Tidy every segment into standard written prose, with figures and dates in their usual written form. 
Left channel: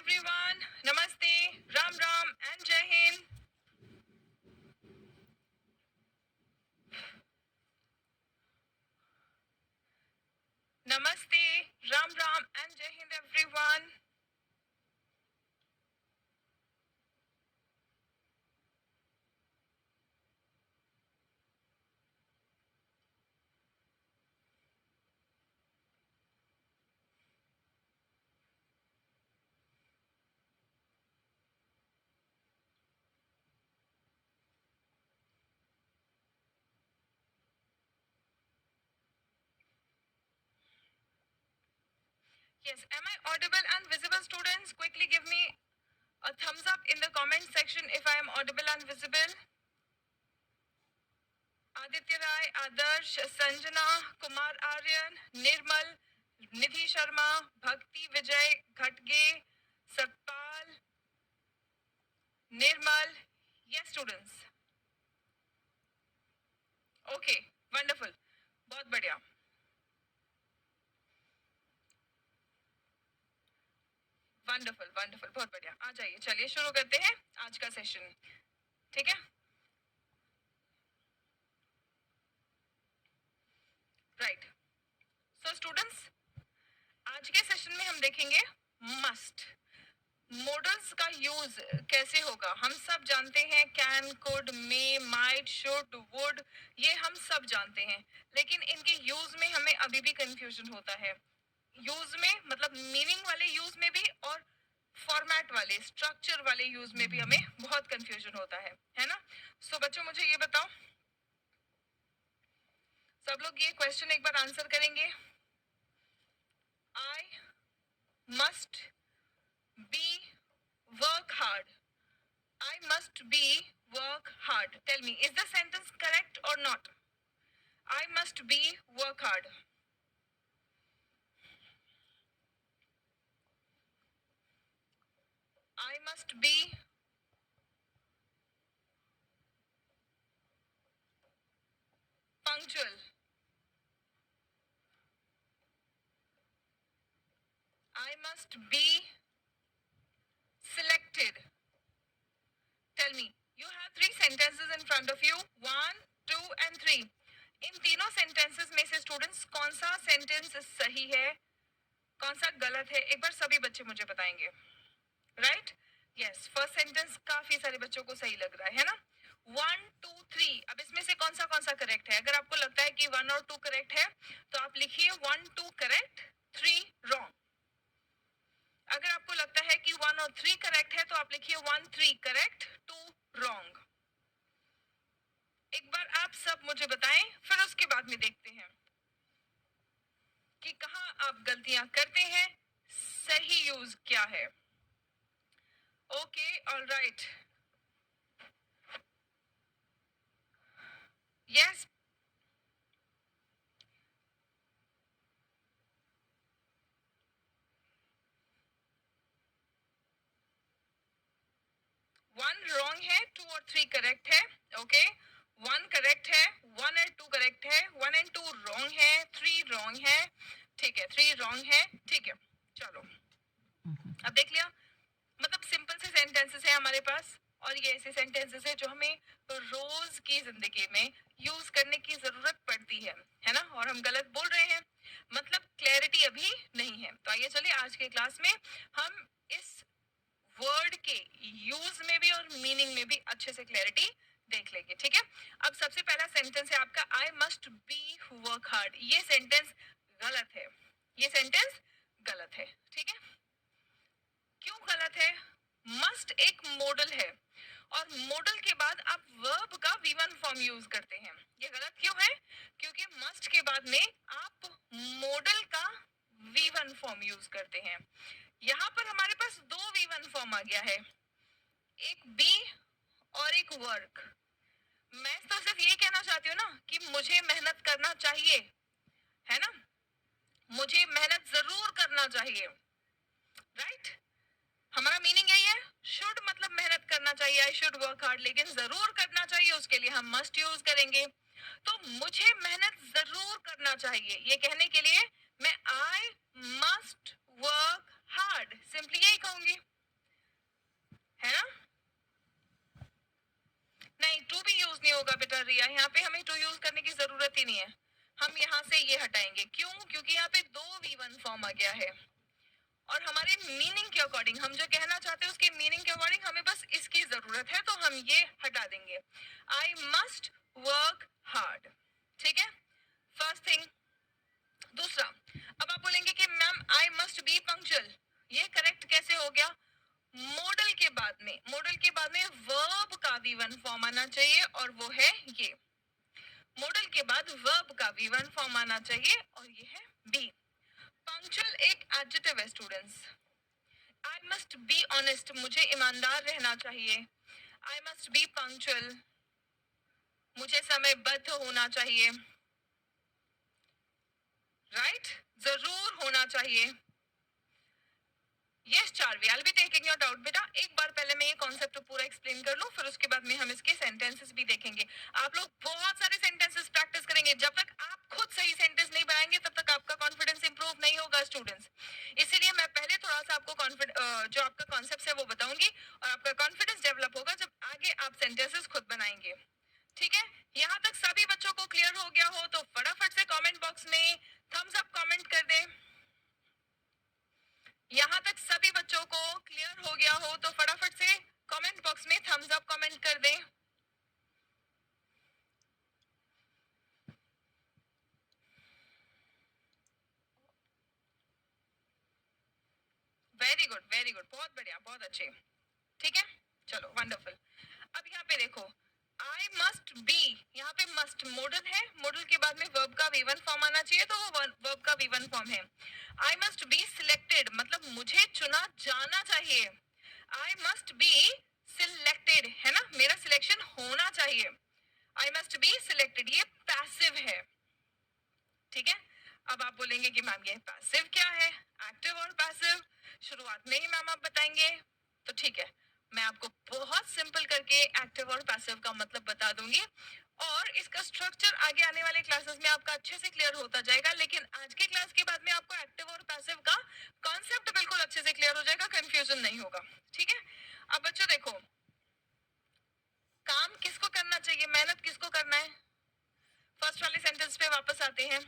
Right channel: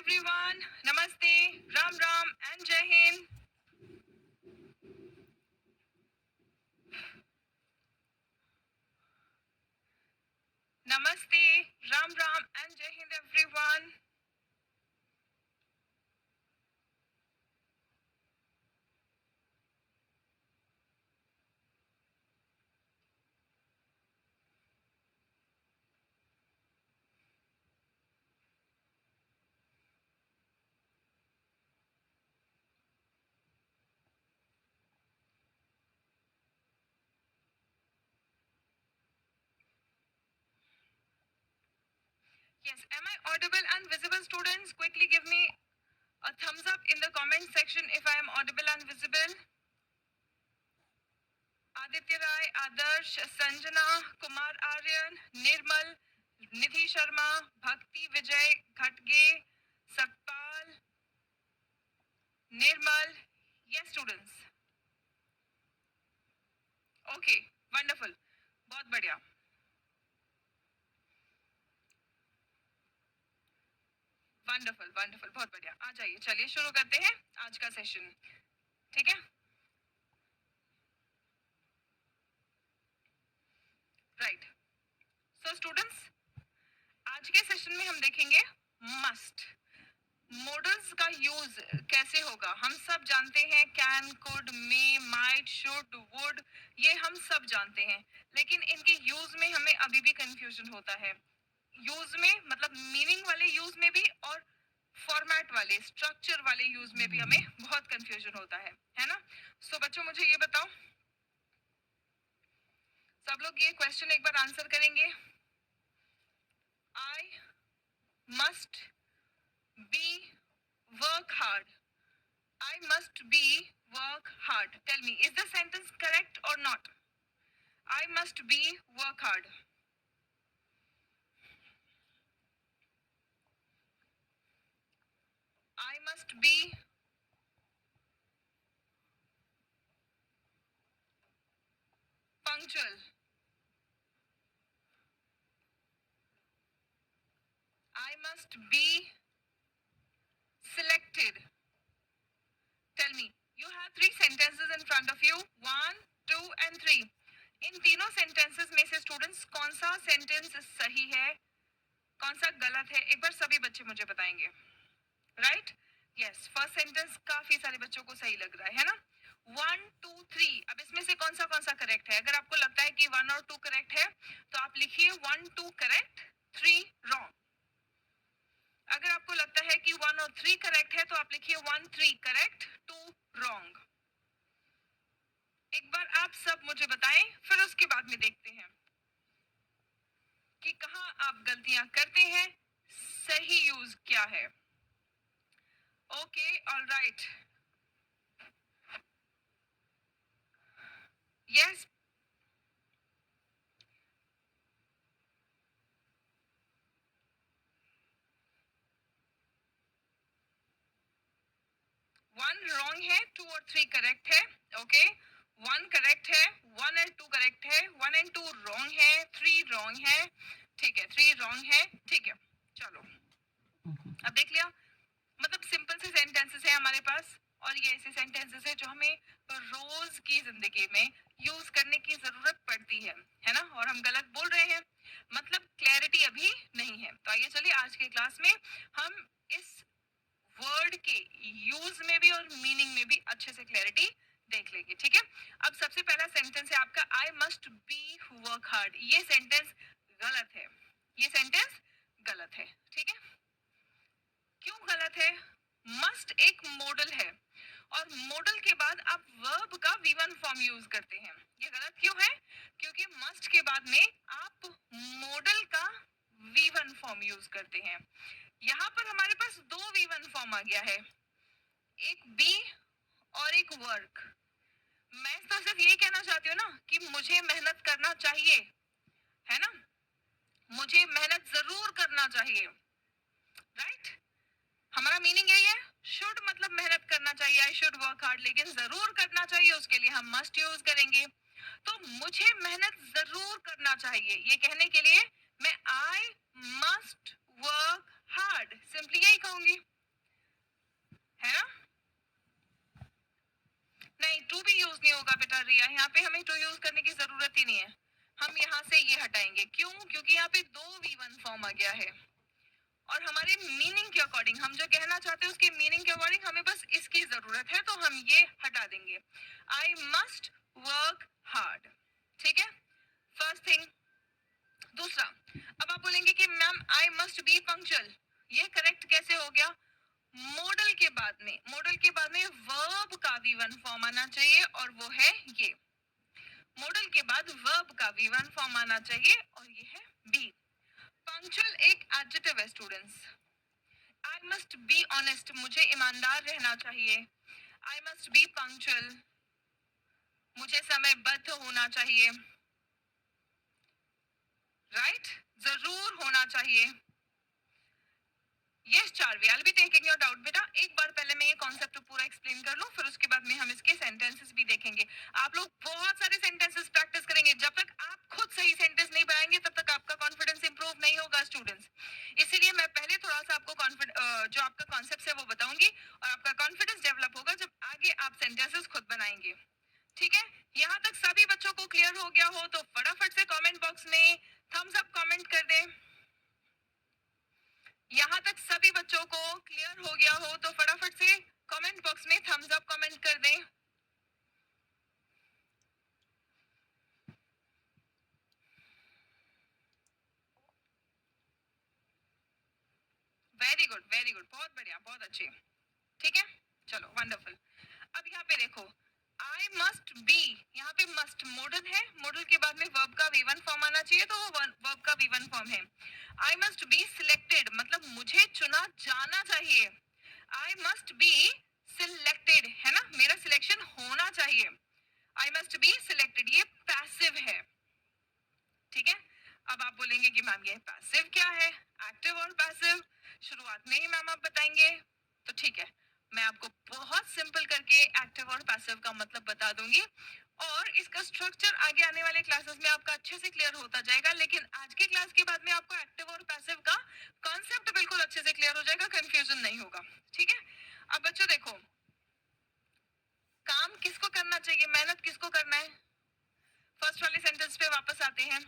everyone. Namaste, Ram Ram and Jai Hind. Namaste, Ram Ram and Jai Hind everyone. Yes, am I audible and visible, students? Quickly give me a thumbs up in the comment section if I am audible and visible. Aditya Rai, Adarsh, Sanjana, Kumar Aryan, Nirmal, Nidhi Sharma, Bhakti Vijay, Ghatge, Satpal, Nirmal. Yes, students. Okay, wonderful. बहुत बढ़िया. Wonderful wonderful, बहुत बढ़िया. आ जाइए, चलिए शुरू करते हैं आज का सेशन. ठीक है, राइट. सो स्टूडेंट्स, आज के सेशन में हम देखेंगे मस्ट मॉडल्स का यूज कैसे होगा. हम सब जानते हैं can, could, may, might, should, would, ये हम सब जानते हैं, लेकिन इनके यूज में हमें अभी भी कंफ्यूजन होता है. यूज में मतलब मीनिंग वाले यूज में भी और फॉर्मेट वाले स्ट्रक्चर वाले यूज में भी हमें बहुत कंफ्यूजन होता है ना. सो बच्चों, मुझे ये बताओ, सब लोग ये क्वेश्चन एक बार आंसर करेंगे. I must be work hard. I must be work hard. Tell me, is the sentence correct or not? I must be work hard. I must be punctual. I must be selected. Tell me, you have three sentences in front of you. 1, 2 and 3. इन तीनों sentences में से students कौन सा sentence सही है, कौन सा गलत है, एक बार सभी बच्चे मुझे बताएंगे. राइट, यस, फर्स्ट सेंटेंस काफी सारे बच्चों को सही लग रहा है ना. 1, 2, 3. अब इसमें से कौन सा करेक्ट है. अगर आपको लगता है कि 1 और 2 करेक्ट है तो आप लिखिए 1, 2 करेक्ट, 3 रॉन्ग. अगर आपको लगता है कि 1 और 3 करेक्ट है तो आप लिखिए 1, 3 करेक्ट, 2 रॉन्ग. एक बार आप सब मुझे बताएं, फिर उसके बाद में देखते हैं कि कहां आप गलतियां करते हैं, सही यूज क्या है. Okay, alright. यस, 1 रॉन्ग है, 2 और 3 करेक्ट है. ओके, 1 करेक्ट है, 1 एंड 2 करेक्ट है, 1 एंड 2 रॉन्ग है, 3 रॉन्ग है. ठीक है, 3 रॉन्ग है. ठीक है, चलो अब देख लिया. मतलब सिंपल से सेंटेंसेस है हमारे पास, और ये ऐसे सेंटेंसेस है जो हमें रोज की जिंदगी में यूज करने की जरूरत पड़ती है ना, और हम गलत बोल रहे हैं, मतलब क्लैरिटी अभी नहीं है. तो आइए चलिए आज के क्लास में हम इस वर्ड के यूज में भी और मीनिंग में भी अच्छे से क्लैरिटी देख लेंगे. ठीक है, अब सबसे पहला सेंटेंस है आपका I must be work hard. ये सेंटेंस गलत है, ये सेंटेंस गलत है. ठीक है, क्यों गलत है. मस्ट एक मॉडल है, और मॉडल के बाद आप वर्ब का V1 फॉर्म यूज करते हैं. ये गलत क्यों है, क्योंकि मस्ट के बाद में आप मॉडल का V1 फॉर्म यूज करते हैं. यहाँ पर हमारे पास दो V1 फॉर्म आ गया है, एक बी और एक वर्क. मैं तो सिर्फ यही कहना चाहती हूँ ना कि मुझे मेहनत करना चाहिए, है ना, मुझे मेहनत जरूर करना चाहिए. राइट, हमारा मीनिंग यही है. शुड मतलब मेहनत करना चाहिए, आई शुड वर्क हार्ड, लेकिन जरूर करना चाहिए उसके लिए हम मस्ट यूज करेंगे. तो मुझे मेहनत जरूर करना चाहिए, ये कहने के लिए मैं I must work hard, simply यही कहूंगी, है ना? नहीं, टू भी यूज नहीं होगा बेटा रिया, यहाँ पे हमें टू यूज करने की जरूरत ही नहीं है। हम यहाँ से ये हटाएंगे, क्यों? क्योंकि यहाँ पे दो V1 फॉर्म आ गया है और हमारे मीनिंग के अकॉर्डिंग, हम जो कहना चाहते हैं उसके मीनिंग के अकॉर्डिंग हमें बस इसकी जरूरत है, तो हम ये हटा देंगे। आई मस्ट वर्क हार्ड, ठीक है, फर्स्ट थिंग। दूसरा, अब आप बोलेंगे कि ma'am I must be punctual, ये करेक्ट कैसे हो गया? मॉडल के बाद में वर्ब का V1 फॉर्म आना चाहिए और वो है ये। मॉडल के बाद वर्ब का V1 फॉर्म आना चाहिए और ये है बी। पंक्चुअल एक एडजेक्टिव है students. I must be honest, मुझे ईमानदार रहना चाहिए। आई मस्ट बी पंक्चुअल, मुझे समयबद्ध होना चाहिए, राइट? जरूर होना चाहिए। Yes Charvi, I will be taking your doubt बेटा। एक बार पहले मैं ये कॉन्सेप्ट पूरा एक्सप्लेन कर लूं, फिर उसके बाद में हम इसके सेंटेंसेस भी देखेंगे। आप लोग बहुत सारे सेंटेंसेस प्रैक्टिस करेंगे, जब तक आप खुद सही सेंटेंस नहीं बनाएंगे तब तक आपका कॉन्फिडेंस इंप्रूव नहीं होगा स्टूडेंट्स। इसीलिए मैं पहले थोड़ा सा आपको जो आपका कॉन्सेप्ट है वो बताऊंगी और आपका कॉन्फिडेंस डेवलप होगा जब आगे आप सेंटेंसेस खुद बनाएंगे, ठीक है? यहाँ तक सभी बच्चों को क्लियर हो गया हो तो फटाफट से कमेंट बॉक्स में थम्स अप कमेंट कर दें। यहाँ तक सभी बच्चों को क्लियर हो गया हो तो फटाफट से कमेंट बॉक्स में थम्स अप कमेंट कर दें। वेरी गुड, वेरी गुड, बहुत बढ़िया, बहुत अच्छे, ठीक है, चलो वंडरफुल। अब यहाँ पे देखो, आई मस्ट बी, यहाँ पे मस्ट मॉडल है, मॉडल के बाद में वर्ब का V1 फॉर्म आना चाहिए, तो वो वर्ब का V1 फॉर्म है। आई मस्ट बी सिलेक्टेड, मतलब मुझे चुना जाना चाहिए। आई मस्ट बी सिलेक्टेड, है ना, मेरा सिलेक्शन होना चाहिए। आई मस्ट बी सिलेक्टेड, ये पैसिव है, ठीक है? अब आप बोलेंगे कि मैम ये पैसिव क्या है? एक्टिव और पैसिव शुरुआत में ही मैम आप बताएंगे, तो ठीक है, मैं आपको बहुत सिंपल करके एक्टिव और पैसिव का मतलब बता दूंगी और इसका स्ट्रक्चर आगे आने वाले क्लासेस में आपका अच्छे से क्लियर होता जाएगा। लेकिन आज की क्लास के बाद में आपको एक्टिव और पैसिव का कॉन्सेप्ट बिल्कुल अच्छे से क्लियर हो जाएगा, कंफ्यूजन नहीं होगा, ठीक है? अब बच्चों देखो, काम किसको करना चाहिए, मेहनत किसको करना है? फर्स्ट वाले सेंटेंस पे वापस आते हैं,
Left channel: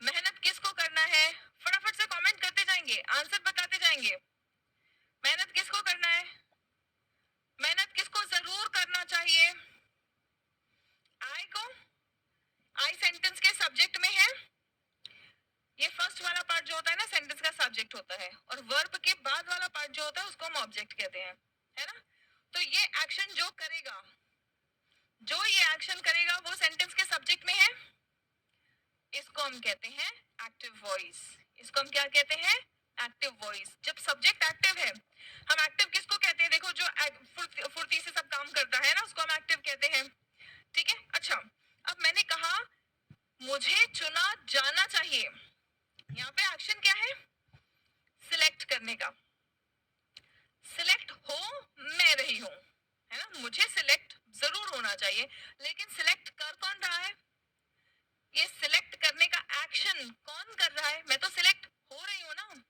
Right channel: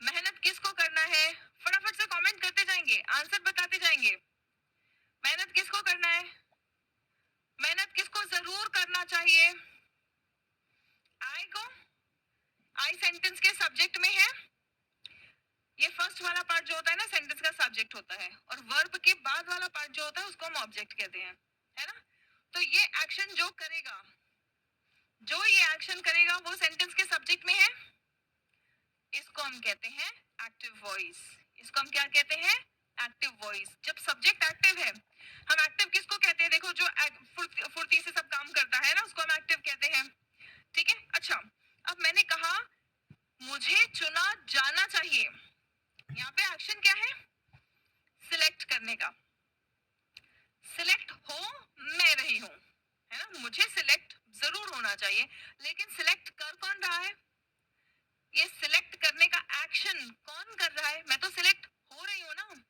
मेहनत किसको करना है? फटाफट से कमेंट करते जाएंगे, आंसर बताते जाएंगे। मेहनत किसको करना है? मेहनत किसको जरूर करना चाहिए? आई को, आई सेंटेंस के सब्जेक्ट में है। ये फर्स्ट वाला पार्ट जो होता है ना सेंटेंस का सब्जेक्ट होता है और वर्ब के बाद वाला पार्ट जो होता है उसको हम ऑब्जेक्ट कहते हैं, है ना? तो ये एक्शन जो करेगा, जो ये एक्शन करेगा वो सेंटेंस के सब्जेक्ट में है, इसको हम कहते हैं एक्टिव वॉइस। इसको हम क्या कहते हैं? Active voice. जब सब्जेक्ट एक्टिव है, हम एक्टिव किसको कहते हैं? देखो, जो फुर्ती से सब काम करता है ना उसको हम एक्टिव कहते हैं, ठीक है? अच्छा, अब मैंने कहा मुझे चुना जाना चाहिए, यहाँ पे एक्शन क्या है? सिलेक्ट करने का। सिलेक्ट हो मैं रही हूं, है ना, मुझे सिलेक्ट जरूर होना चाहिए, लेकिन सिलेक्ट कर कौन रहा है? ये सिलेक्ट करने का एक्शन कौन कर रहा है? मैं तो सिलेक्ट हो रही हूँ ना,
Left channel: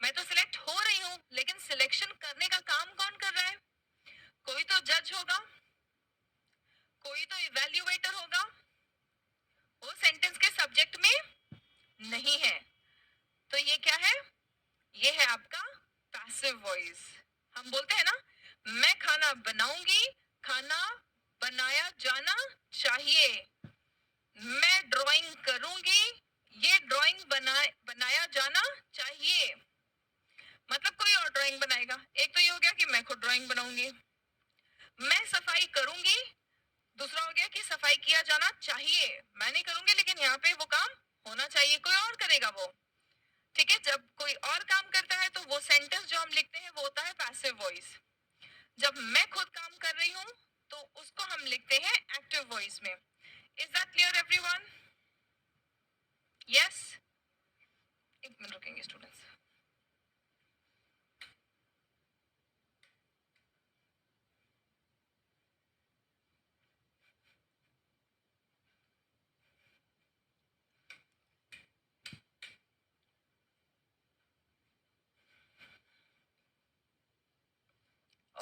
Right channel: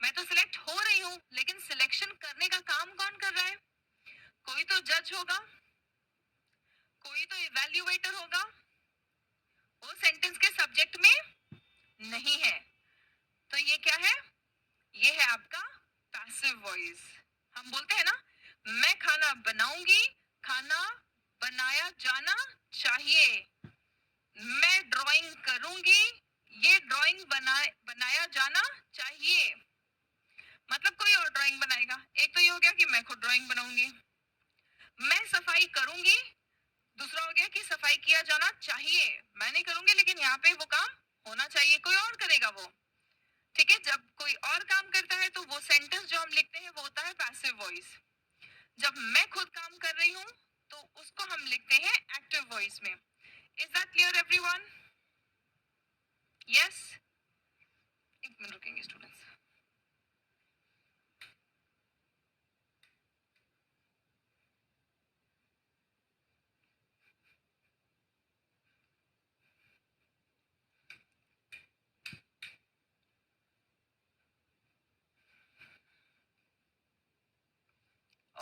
मैं तो सिलेक्ट हो रही हूँ, लेकिन सिलेक्शन करने का काम कौन कर रहा है? कोई तो जज होगा, कोई तो इवैल्यूएटर होगा, वो सेंटेंस के सब्जेक्ट में नहीं है। तो ये क्या है? ये है आपका पैसिव वॉइस। हम बोलते हैं ना, मैं खाना बनाऊंगी, खाना बनाया जाना चाहिए। मैं ड्राइंग करूंगी, ये ड्राइंग बनाया जाना चाहिए। मतलब कोई और ड्राइंग बनाएगा। एक तो ये हो गया कि मैं खुद ड्राइंग बनाऊंगी। मैं सफाई करूंगी, दूसरा हो गया कि सफाई किया जाना चाहिए। मैं नहीं करूंगी लेकिन यहाँ पे वो काम होना चाहिए, कोई और करेगा वो, ठीक है? जब कोई और काम करता है तो वो सेंटेंस जो हम लिखते हैं वो होता है पैसिव वॉइस। जब मैं खुद काम कर रही हूँ तो उसको हम लिखते हैं एक्टिव वॉइस में। Is that clear everyone? Yes, एक मिनट रुकेंगे स्टूडेंट्स।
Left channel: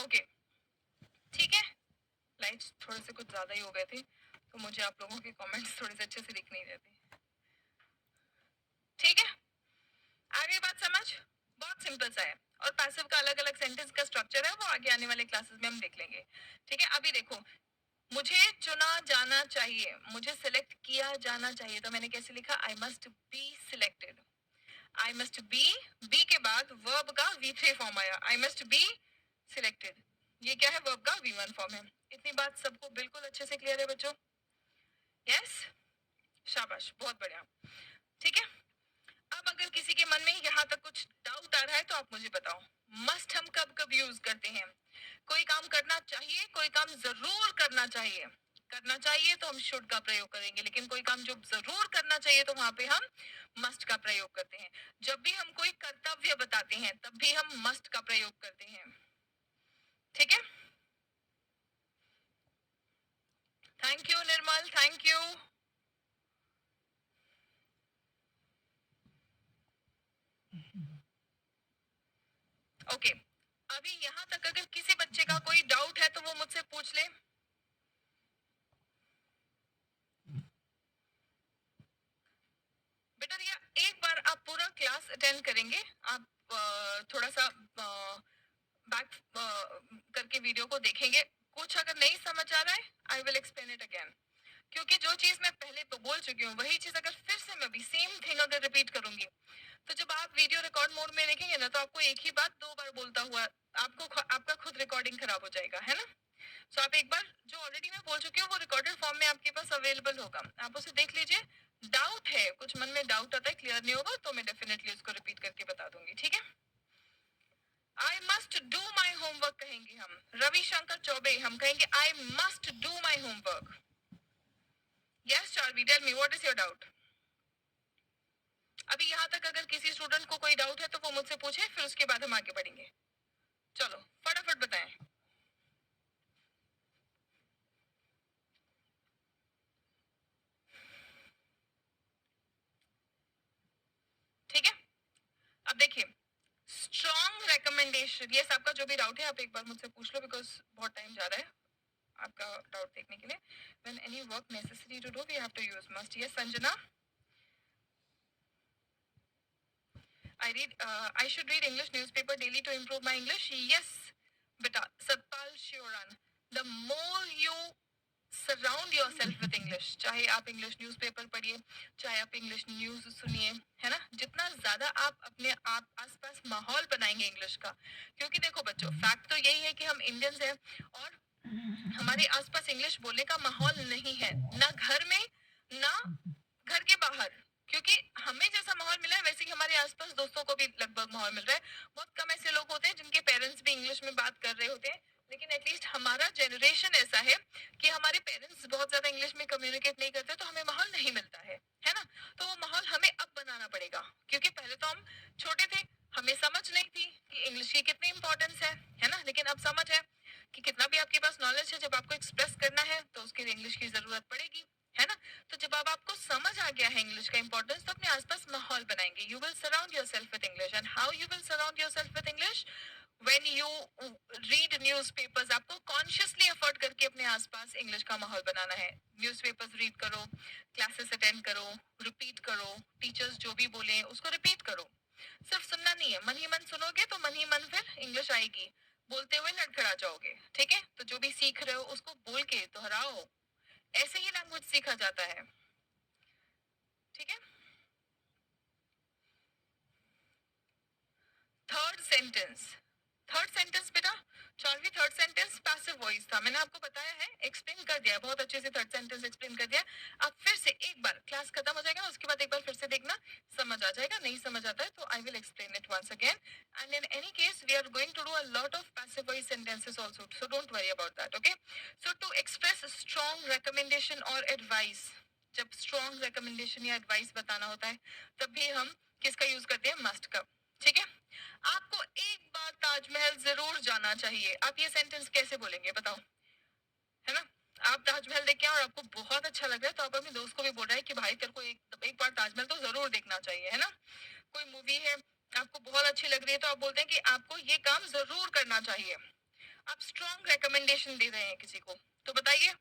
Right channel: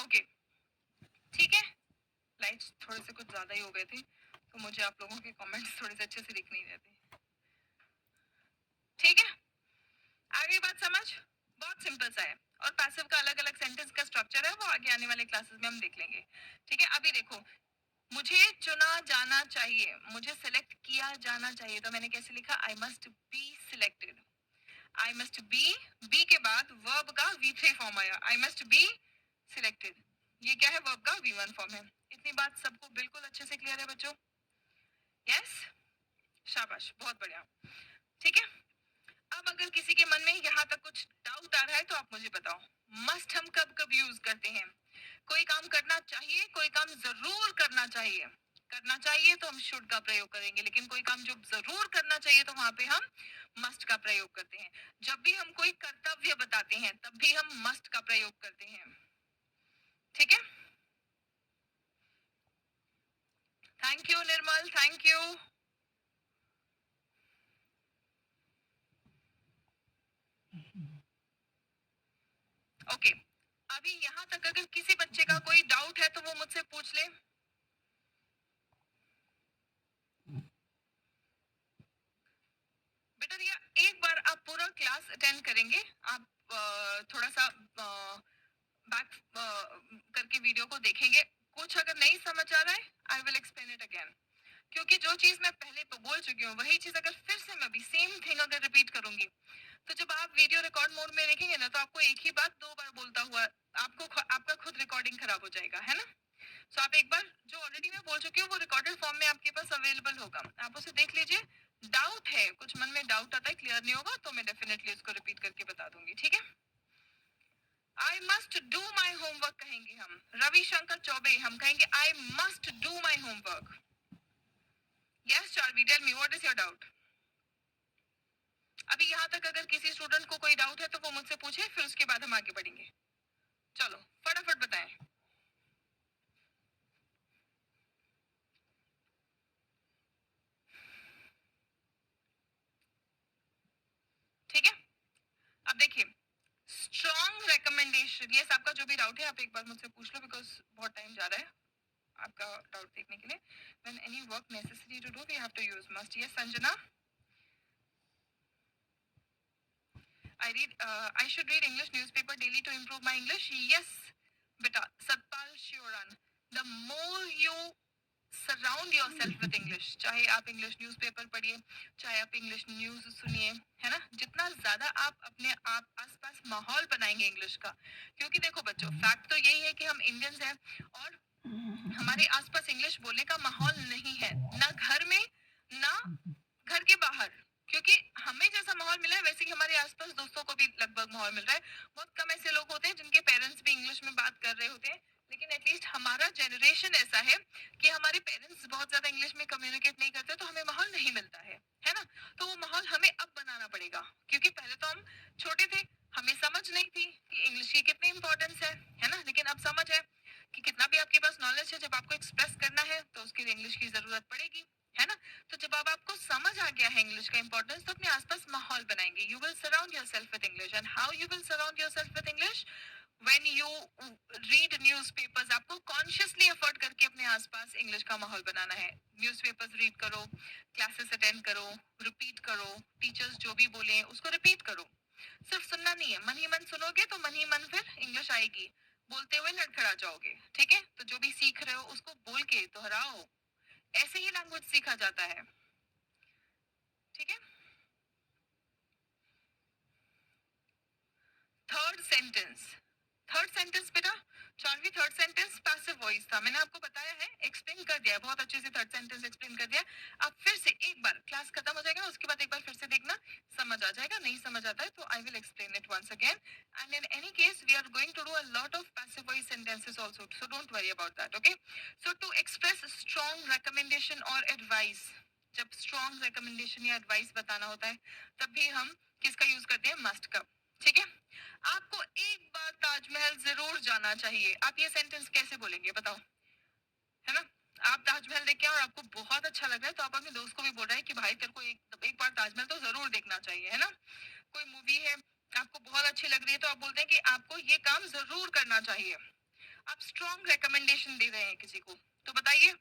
ओके ठीक है, लाइट्स थोड़े से कुछ ज्यादा ही हो गए थे तो मुझे आप लोगों के कमेंट्स थोड़े से अच्छे से दिख नहीं रहे थे। ठीक है, आगे बात समझ, बहुत सिंपल सा है। और पैसिव का अलग अलग सेंटेंस का स्ट्रक्चर है, वो आगे आने वाले क्लासेस में हम देख लेंगे। ठीक है, अभी देखो, मुझे चुना जाना चाहिए, मुझे सिलेक्ट किया जाना चाहिए, तो मैंने कैसे लिखा, I must be selected. I must be के बाद वर्ब का V3 फॉर्म आया, आई मस्ट बी सिलेक्टेड। ये क्या है, वर्ब का V1 फॉर्म है। इतनी बात सबको बिल्कुल अच्छे से क्लियर है बच्चों? यस, शाबाश, बहुत बढ़िया। ठीक है, अब अगर किसी के मन में यहाँ तक कुछ डाउट आ रहा है तो आप मुझे बताओ, मस्ट हम कब कब यूज करते हैं? कोई काम करना चाहिए, कोई काम जरूर करना चाहिए, करना चाहिए तो हम शुड का प्रयोग करेंगे, लेकिन कोई काम जो जरूर करना चाहिए तो वहां पे हम मस्ट का प्रयोग करते हैं। जब भी हम कोई कर्तव्य बताते हैं तब भी हम मस्ट का प्रयोग करते हैं। ठीक है, thank you Nirmal, thank you. Okay, अभी यहाँ तक अगर किसी बच्चे का कोई डाउट है तो वो मुझसे पूछ ले। बेटा रिया, एक बार आप पूरा क्लास अटेंड करेंगे, आप थोड़ा सा बैक करके वीडियो को देखेंगे, कुछ अगर नहीं समझ आ रहा है आई विल एक्सप्लेन इट अगेन, क्योंकि जो चीज मैं पहले तो बोल चुकी हूँ वही चीज अगर फिर से मैं भी सेम थिंग अगर रिपीट करूंगी तो जब आप वीडियो रिकॉर्ड मोड में देखेंगे ना तो आपको एक ही बात दो बार बोलता हुआ आपका खुद रिकॉर्डिंग खराब हो जाएगा, है ना? सो आप एक बार जो ऑलरेडी मैं बोल चुकी हूँ वो रिकॉर्डेड फॉर्म में आपके पास अवेलेबल होगा, आप उसे देख लीजिए। डाउट है, कुछ मन में डाउट आता है, क्लियर नहीं होगा तो मैं डेफिनेटली उसको रिपीट करके बता दूंगी। ठीक है, I must do my homework कहेंगे हम, रविशंकर चौबे हम कहेंगे I must do my homework. Yes Charvi, tell me what is your doubt? अभी यहाँ तक अगर किसी स्टूडेंट को कोई डाउट है तो वो मुझसे पूछे, फिर उसके बाद हम आगे बढ़ेंगे। चलो फटाफट बताएं। ठीक है, अब देखिए, स्ट्रॉन्ग रिकमेंडेशन, ये आपका जो भी डाउट है आप एक बार मुझसे पूछ लो, बिकॉज बहुत टाइम जा रहा है आपका डाउट देखने के लिए। When any work necessary to do we have to use must. Yes Sanjana, I should read English newspaper daily to improve my English. Yes, beta. Satpal Shioran. The more you surround your self with English, चाहे आप English newspaper पढ़िए, चाहे आप English news सुनिए, है ना, जितना ज्यादा आप अपने आप आसपास माहौल बनाएंगे इंग्लिश का, क्योंकि देखो बच्चों फैक्ट तो यही है कि हम इंडियंस हैं और हमारे आसपास इंग्लिश बोलने का माहौल नहीं है, ना घर में ना घर के बाहर, क्योंकि हमें जैसा माहौल मिला है वैसे ही हमारे आसपास दोस्तों को भी लगभग माहौल मिल रहा है। बहुत कम ऐसे लोग होते हैं जिनके पेरेंट्स भी इंग्लिश में बात कर रहे होते हैं, लेकिन एटलीस्ट हमारा जनरेशन ऐसा है कि हमारे पेरेंट्स बहुत ज्यादा इंग्लिश में कम्युनिकेट नहीं करते तो हमें माहौल नहीं मिलता है ना? तो वो माहौल हमें अब बनाना पड़ेगा, क्योंकि पहले तो हम छोटे थे, हमें समझ नहीं थी कि इंग्लिश की कितनी इंपॉर्टेंस है ना, लेकिन अब समझ है कि कितना भी आपके पास नॉलेज है, जब आपको एक्सप्रेस करना है तो उसके लिए इंग्लिश की जरूरत पड़ेगी, है ना? तो जब अब आपको समझ आ गया है इंग्लिश का इंपॉर्टेंस तो अपने आसपास माहौल बनाएंगे। You will surround yourself with English, and how you will surround yourself with English? When you read newspapers, आपको कॉन्शियसली एफर्ट करके अपने आसपास इंग्लिश का माहौल बनाना है। न्यूज़पेपर्स रीड करो, क्लासेस अटेंड करो, रिपीट करो, टीचर्स जो भी बोले उसको रिपीट करो। सिर्फ सुनना नहीं है, मन ही मन सुनोगे तो मन ही मन फिर इंग्लिश आएगी, बोलते हुए लड़खड़ा जाओगे। ठीक है, तो जो भी सीख रहे हो उसको बोल के दोहराओ, ऐसे ही लैंग्वेज सीखा जाता है। ठीक है, थर्ड सेंटेंस, थर्ड सेंटेंस बेटा Charvi, third sentence passive voice था, मैंने आपको बताया है, एक्सप्लेन कर दिया है बहुत अच्छे से, थर्ड सेंटेंस एक्सप्लेन कर दिया। आप फिर से एक बार, क्लास खत्म हो जाएगा उसके बाद एक बार फिर से देखना, समझ आ जाएगा, नहीं समझ आता है तो I will explain it once again. And in any case we are going to do a lot of passive voice sentences also, so don't worry about that. Okay, so to express strong recommendation और advice, जब strong recommendation या advice बताना होता है तब भी हम किसका यूज करते हैं, मस्ट का। ठीक है, आपको एक बार ताजमहल जरूर जाना चाहिए, आप ये सेंटेंस कैसे बोलेंगे बताओ, है ना? आप ताजमहल देख के और आपको बहुत अच्छा लग रहा है तो आप अपने दोस्त को भी बोल रहे हैं कि भाई तेरे को एक बार ताजमहल तो जरूर देखना चाहिए, है ना? कोई मूवी है आपको बहुत अच्छी लग रही है तो आप बोलते हैं कि आपको ये काम जरूर करना चाहिए। आप स्ट्रॉन्ग रिकमेंडेशन दे रहे हैं किसी को, तो बताइए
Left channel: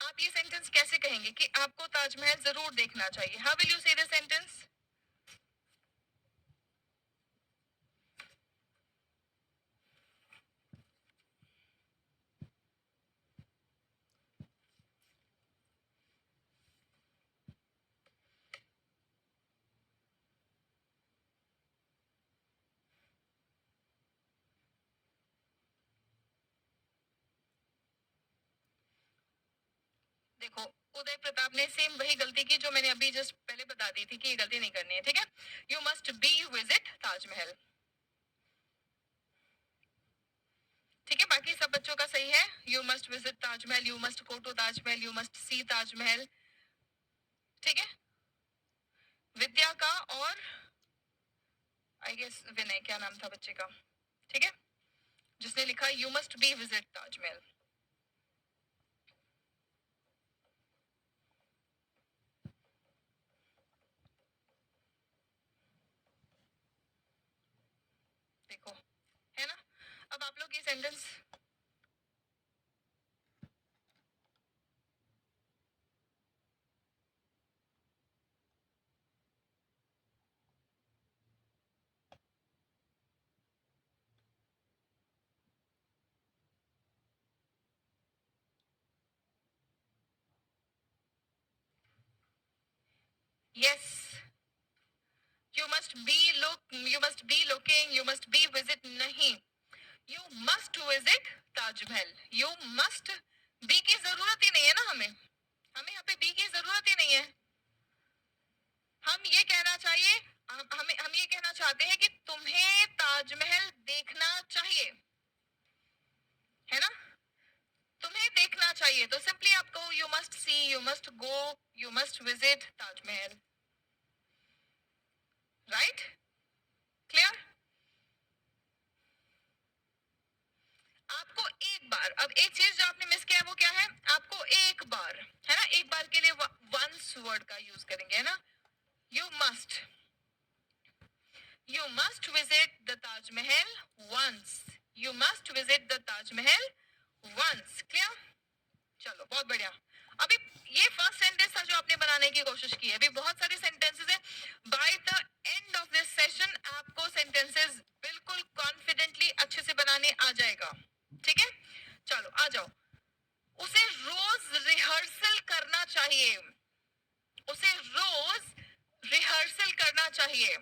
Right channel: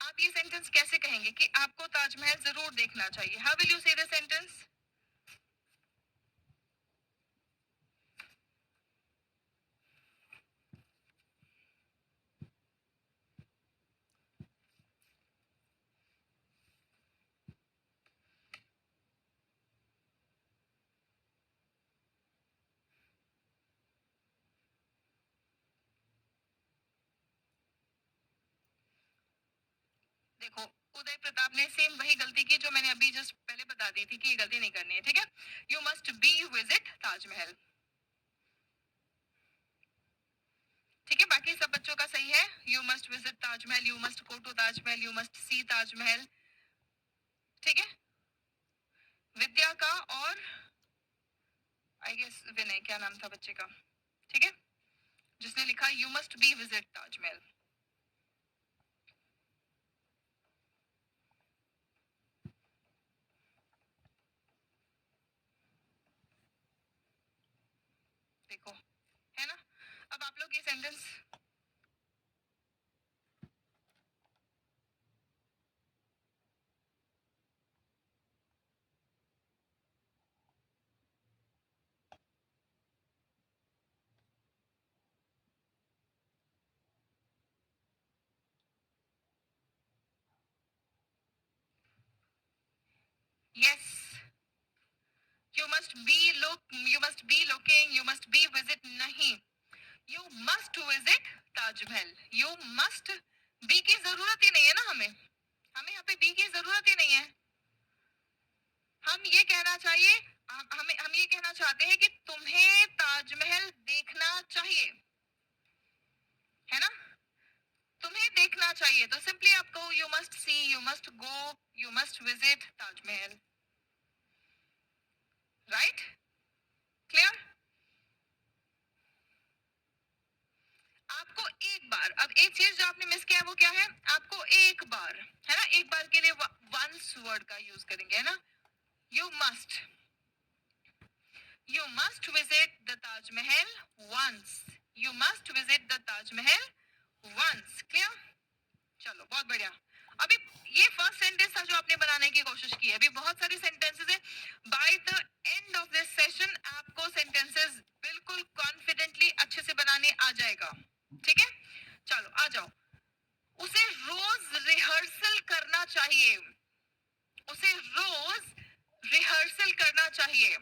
आप ये सेंटेंस कैसे कहेंगे कि आपको ताजमहल जरूर देखना चाहिए? हाउ विल यू से द सेंटेंस? देखो उदय प्रताप ने सेम वही गलती की जो मैंने अभी जस्ट पहले बता दी थी कि ये गलती नहीं करनी है, ठीक है? You must be visit Taj Mahal, ठीक है? बाकी सब बच्चों का सही है। You must visit Taj Mahal, you must go to Taj Mahal, you must see Taj Mahal, ठीक है? विद्या का और आई गेस विनय, क्या नाम था बच्चे का, ठीक है, जिसने लिखा you must be visit Taj Mahal. देखो है ना, अब आप लोग ये sentence yes, you must be look, you must be looking, you must be visit नहीं, you must visit Taj Mahal. You must, be की जरूरत ही नहीं है ना, हमें हमें यहाँ पे बी की जरूरत ही नहीं है। हम ये कहना चाहिए, हम ये कहना चाहते हैं कि तुम्हें ताजमहल देखना चाहिए, है ना? तुम्हें देखना चाहिए, तो सिंपली आप कहो you must C, you must go, you must visit Taj Mahal, right? Clear? आपको एक बार, अब एक चीज जो आपने मिस किया है वो क्या है? आपको एक बार, है ना, एक बार के लिए वंस वर्ड का यूज करेंगे, है ना? You must, you must visit the Taj Mahal once, you must visit the Taj Mahal once. Clear? चलो बहुत बढ़िया। अभी ये फर्स्ट सेंटेंस था जो आपने बनाने की कोशिश की है, अभी बहुत सारी सेंटेंसेस है। By the end of this session आपको सेंटेंसेस बिल्कुल कॉन्फिडेंटली अच्छे से बनाने आ जाएगा, ठीक है? चलो आ जाओ। उसे रोज रिहर्सल करना चाहिए, उसे रोज रिहर्सल करना चाहिए।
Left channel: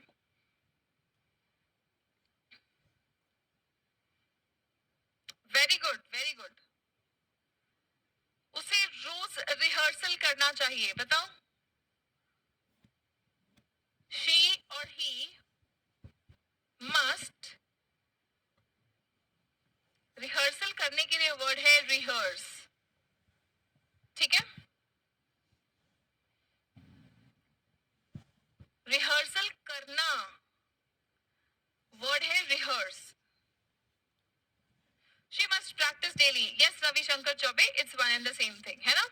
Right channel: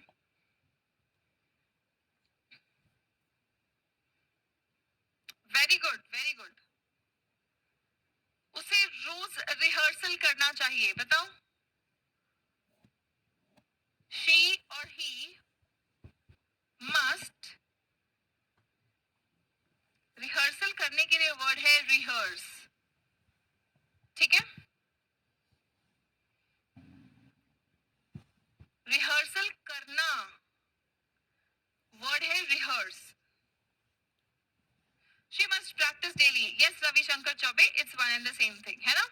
Very good, very good. उसे रोज रिहर्सल करना चाहिए, बताओ। शी और ही मस्ट, रिहर्सल करने के लिए वर्ड है रिहर्स, ठीक है? रिहर्सल करना वर्ड है rehearse. She must practise daily, yes Ravishankar Choubey, it's one and the same thing, है ना?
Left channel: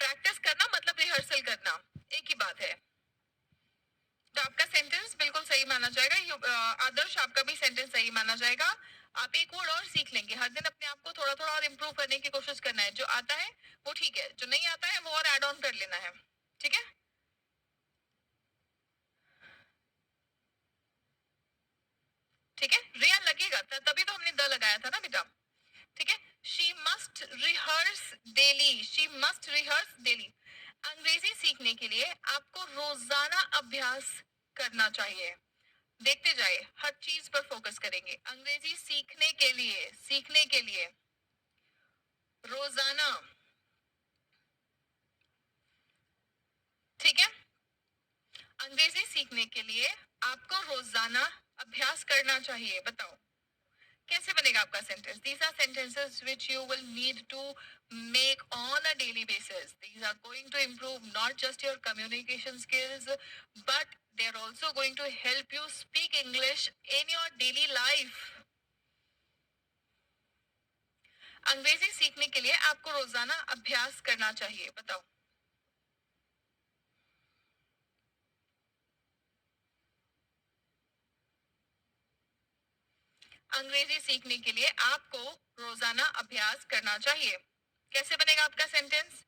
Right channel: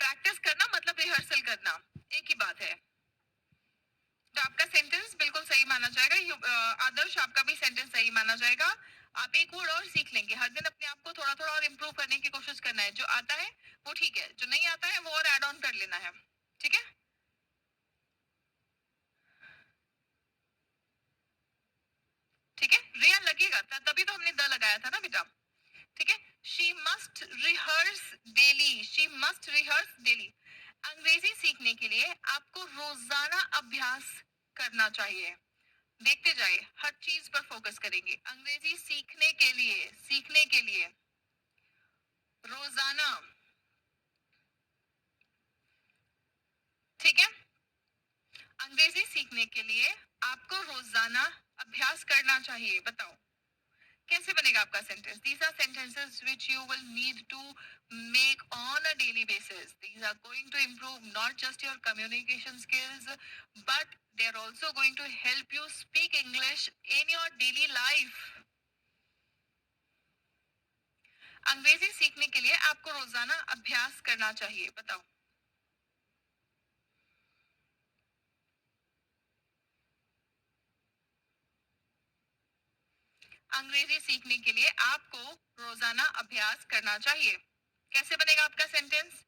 प्रैक्टिस करना मतलब रिहर्सल करना, एक ही बात है। तो आपका सेंटेंस बिल्कुल सही माना जाएगा। आदर्श आपका भी सेंटेंस सही माना जाएगा। आप एक वर्ड और सीख लेंगे, हर दिन अपने आप को थोड़ा थोड़ा और इम्प्रूव करने की कोशिश करना है। जो आता है वो ठीक है, जो नहीं आता है वो और एड ऑन कर लेना है, ठीक है? ठीक है, रियल लगेगा तभी तो हमने द लगाया था ना बेटा, ठीक है? She must rehearse daily, she must rehearse daily. अंग्रेजी सीखने के लिए आपको रोजाना अभ्यास करना चाहिए। देखते जाए, हर चीज पर फोकस करेंगे। अंग्रेजी सीखने के लिए, सीखने के लिए रोजाना, ठीक है? अंग्रेजी सीखने के लिए आपको रोजाना अभ्यास करना चाहिए। बताओ कैसे बनेगा आपका sentence? These are sentences which you will need to make on a daily basis. These are going to improve not just your communication skills but they are also going to help you speak English in your daily life. अंग्रेजी सीखने के लिए आपको रोजाना अभ्यास करना चाहिए। बताओ। अंग्रेजी सीखने के लिए आपको रोजाना अभ्यास करना चाहिए. कैसे बनेगा आपका sentence?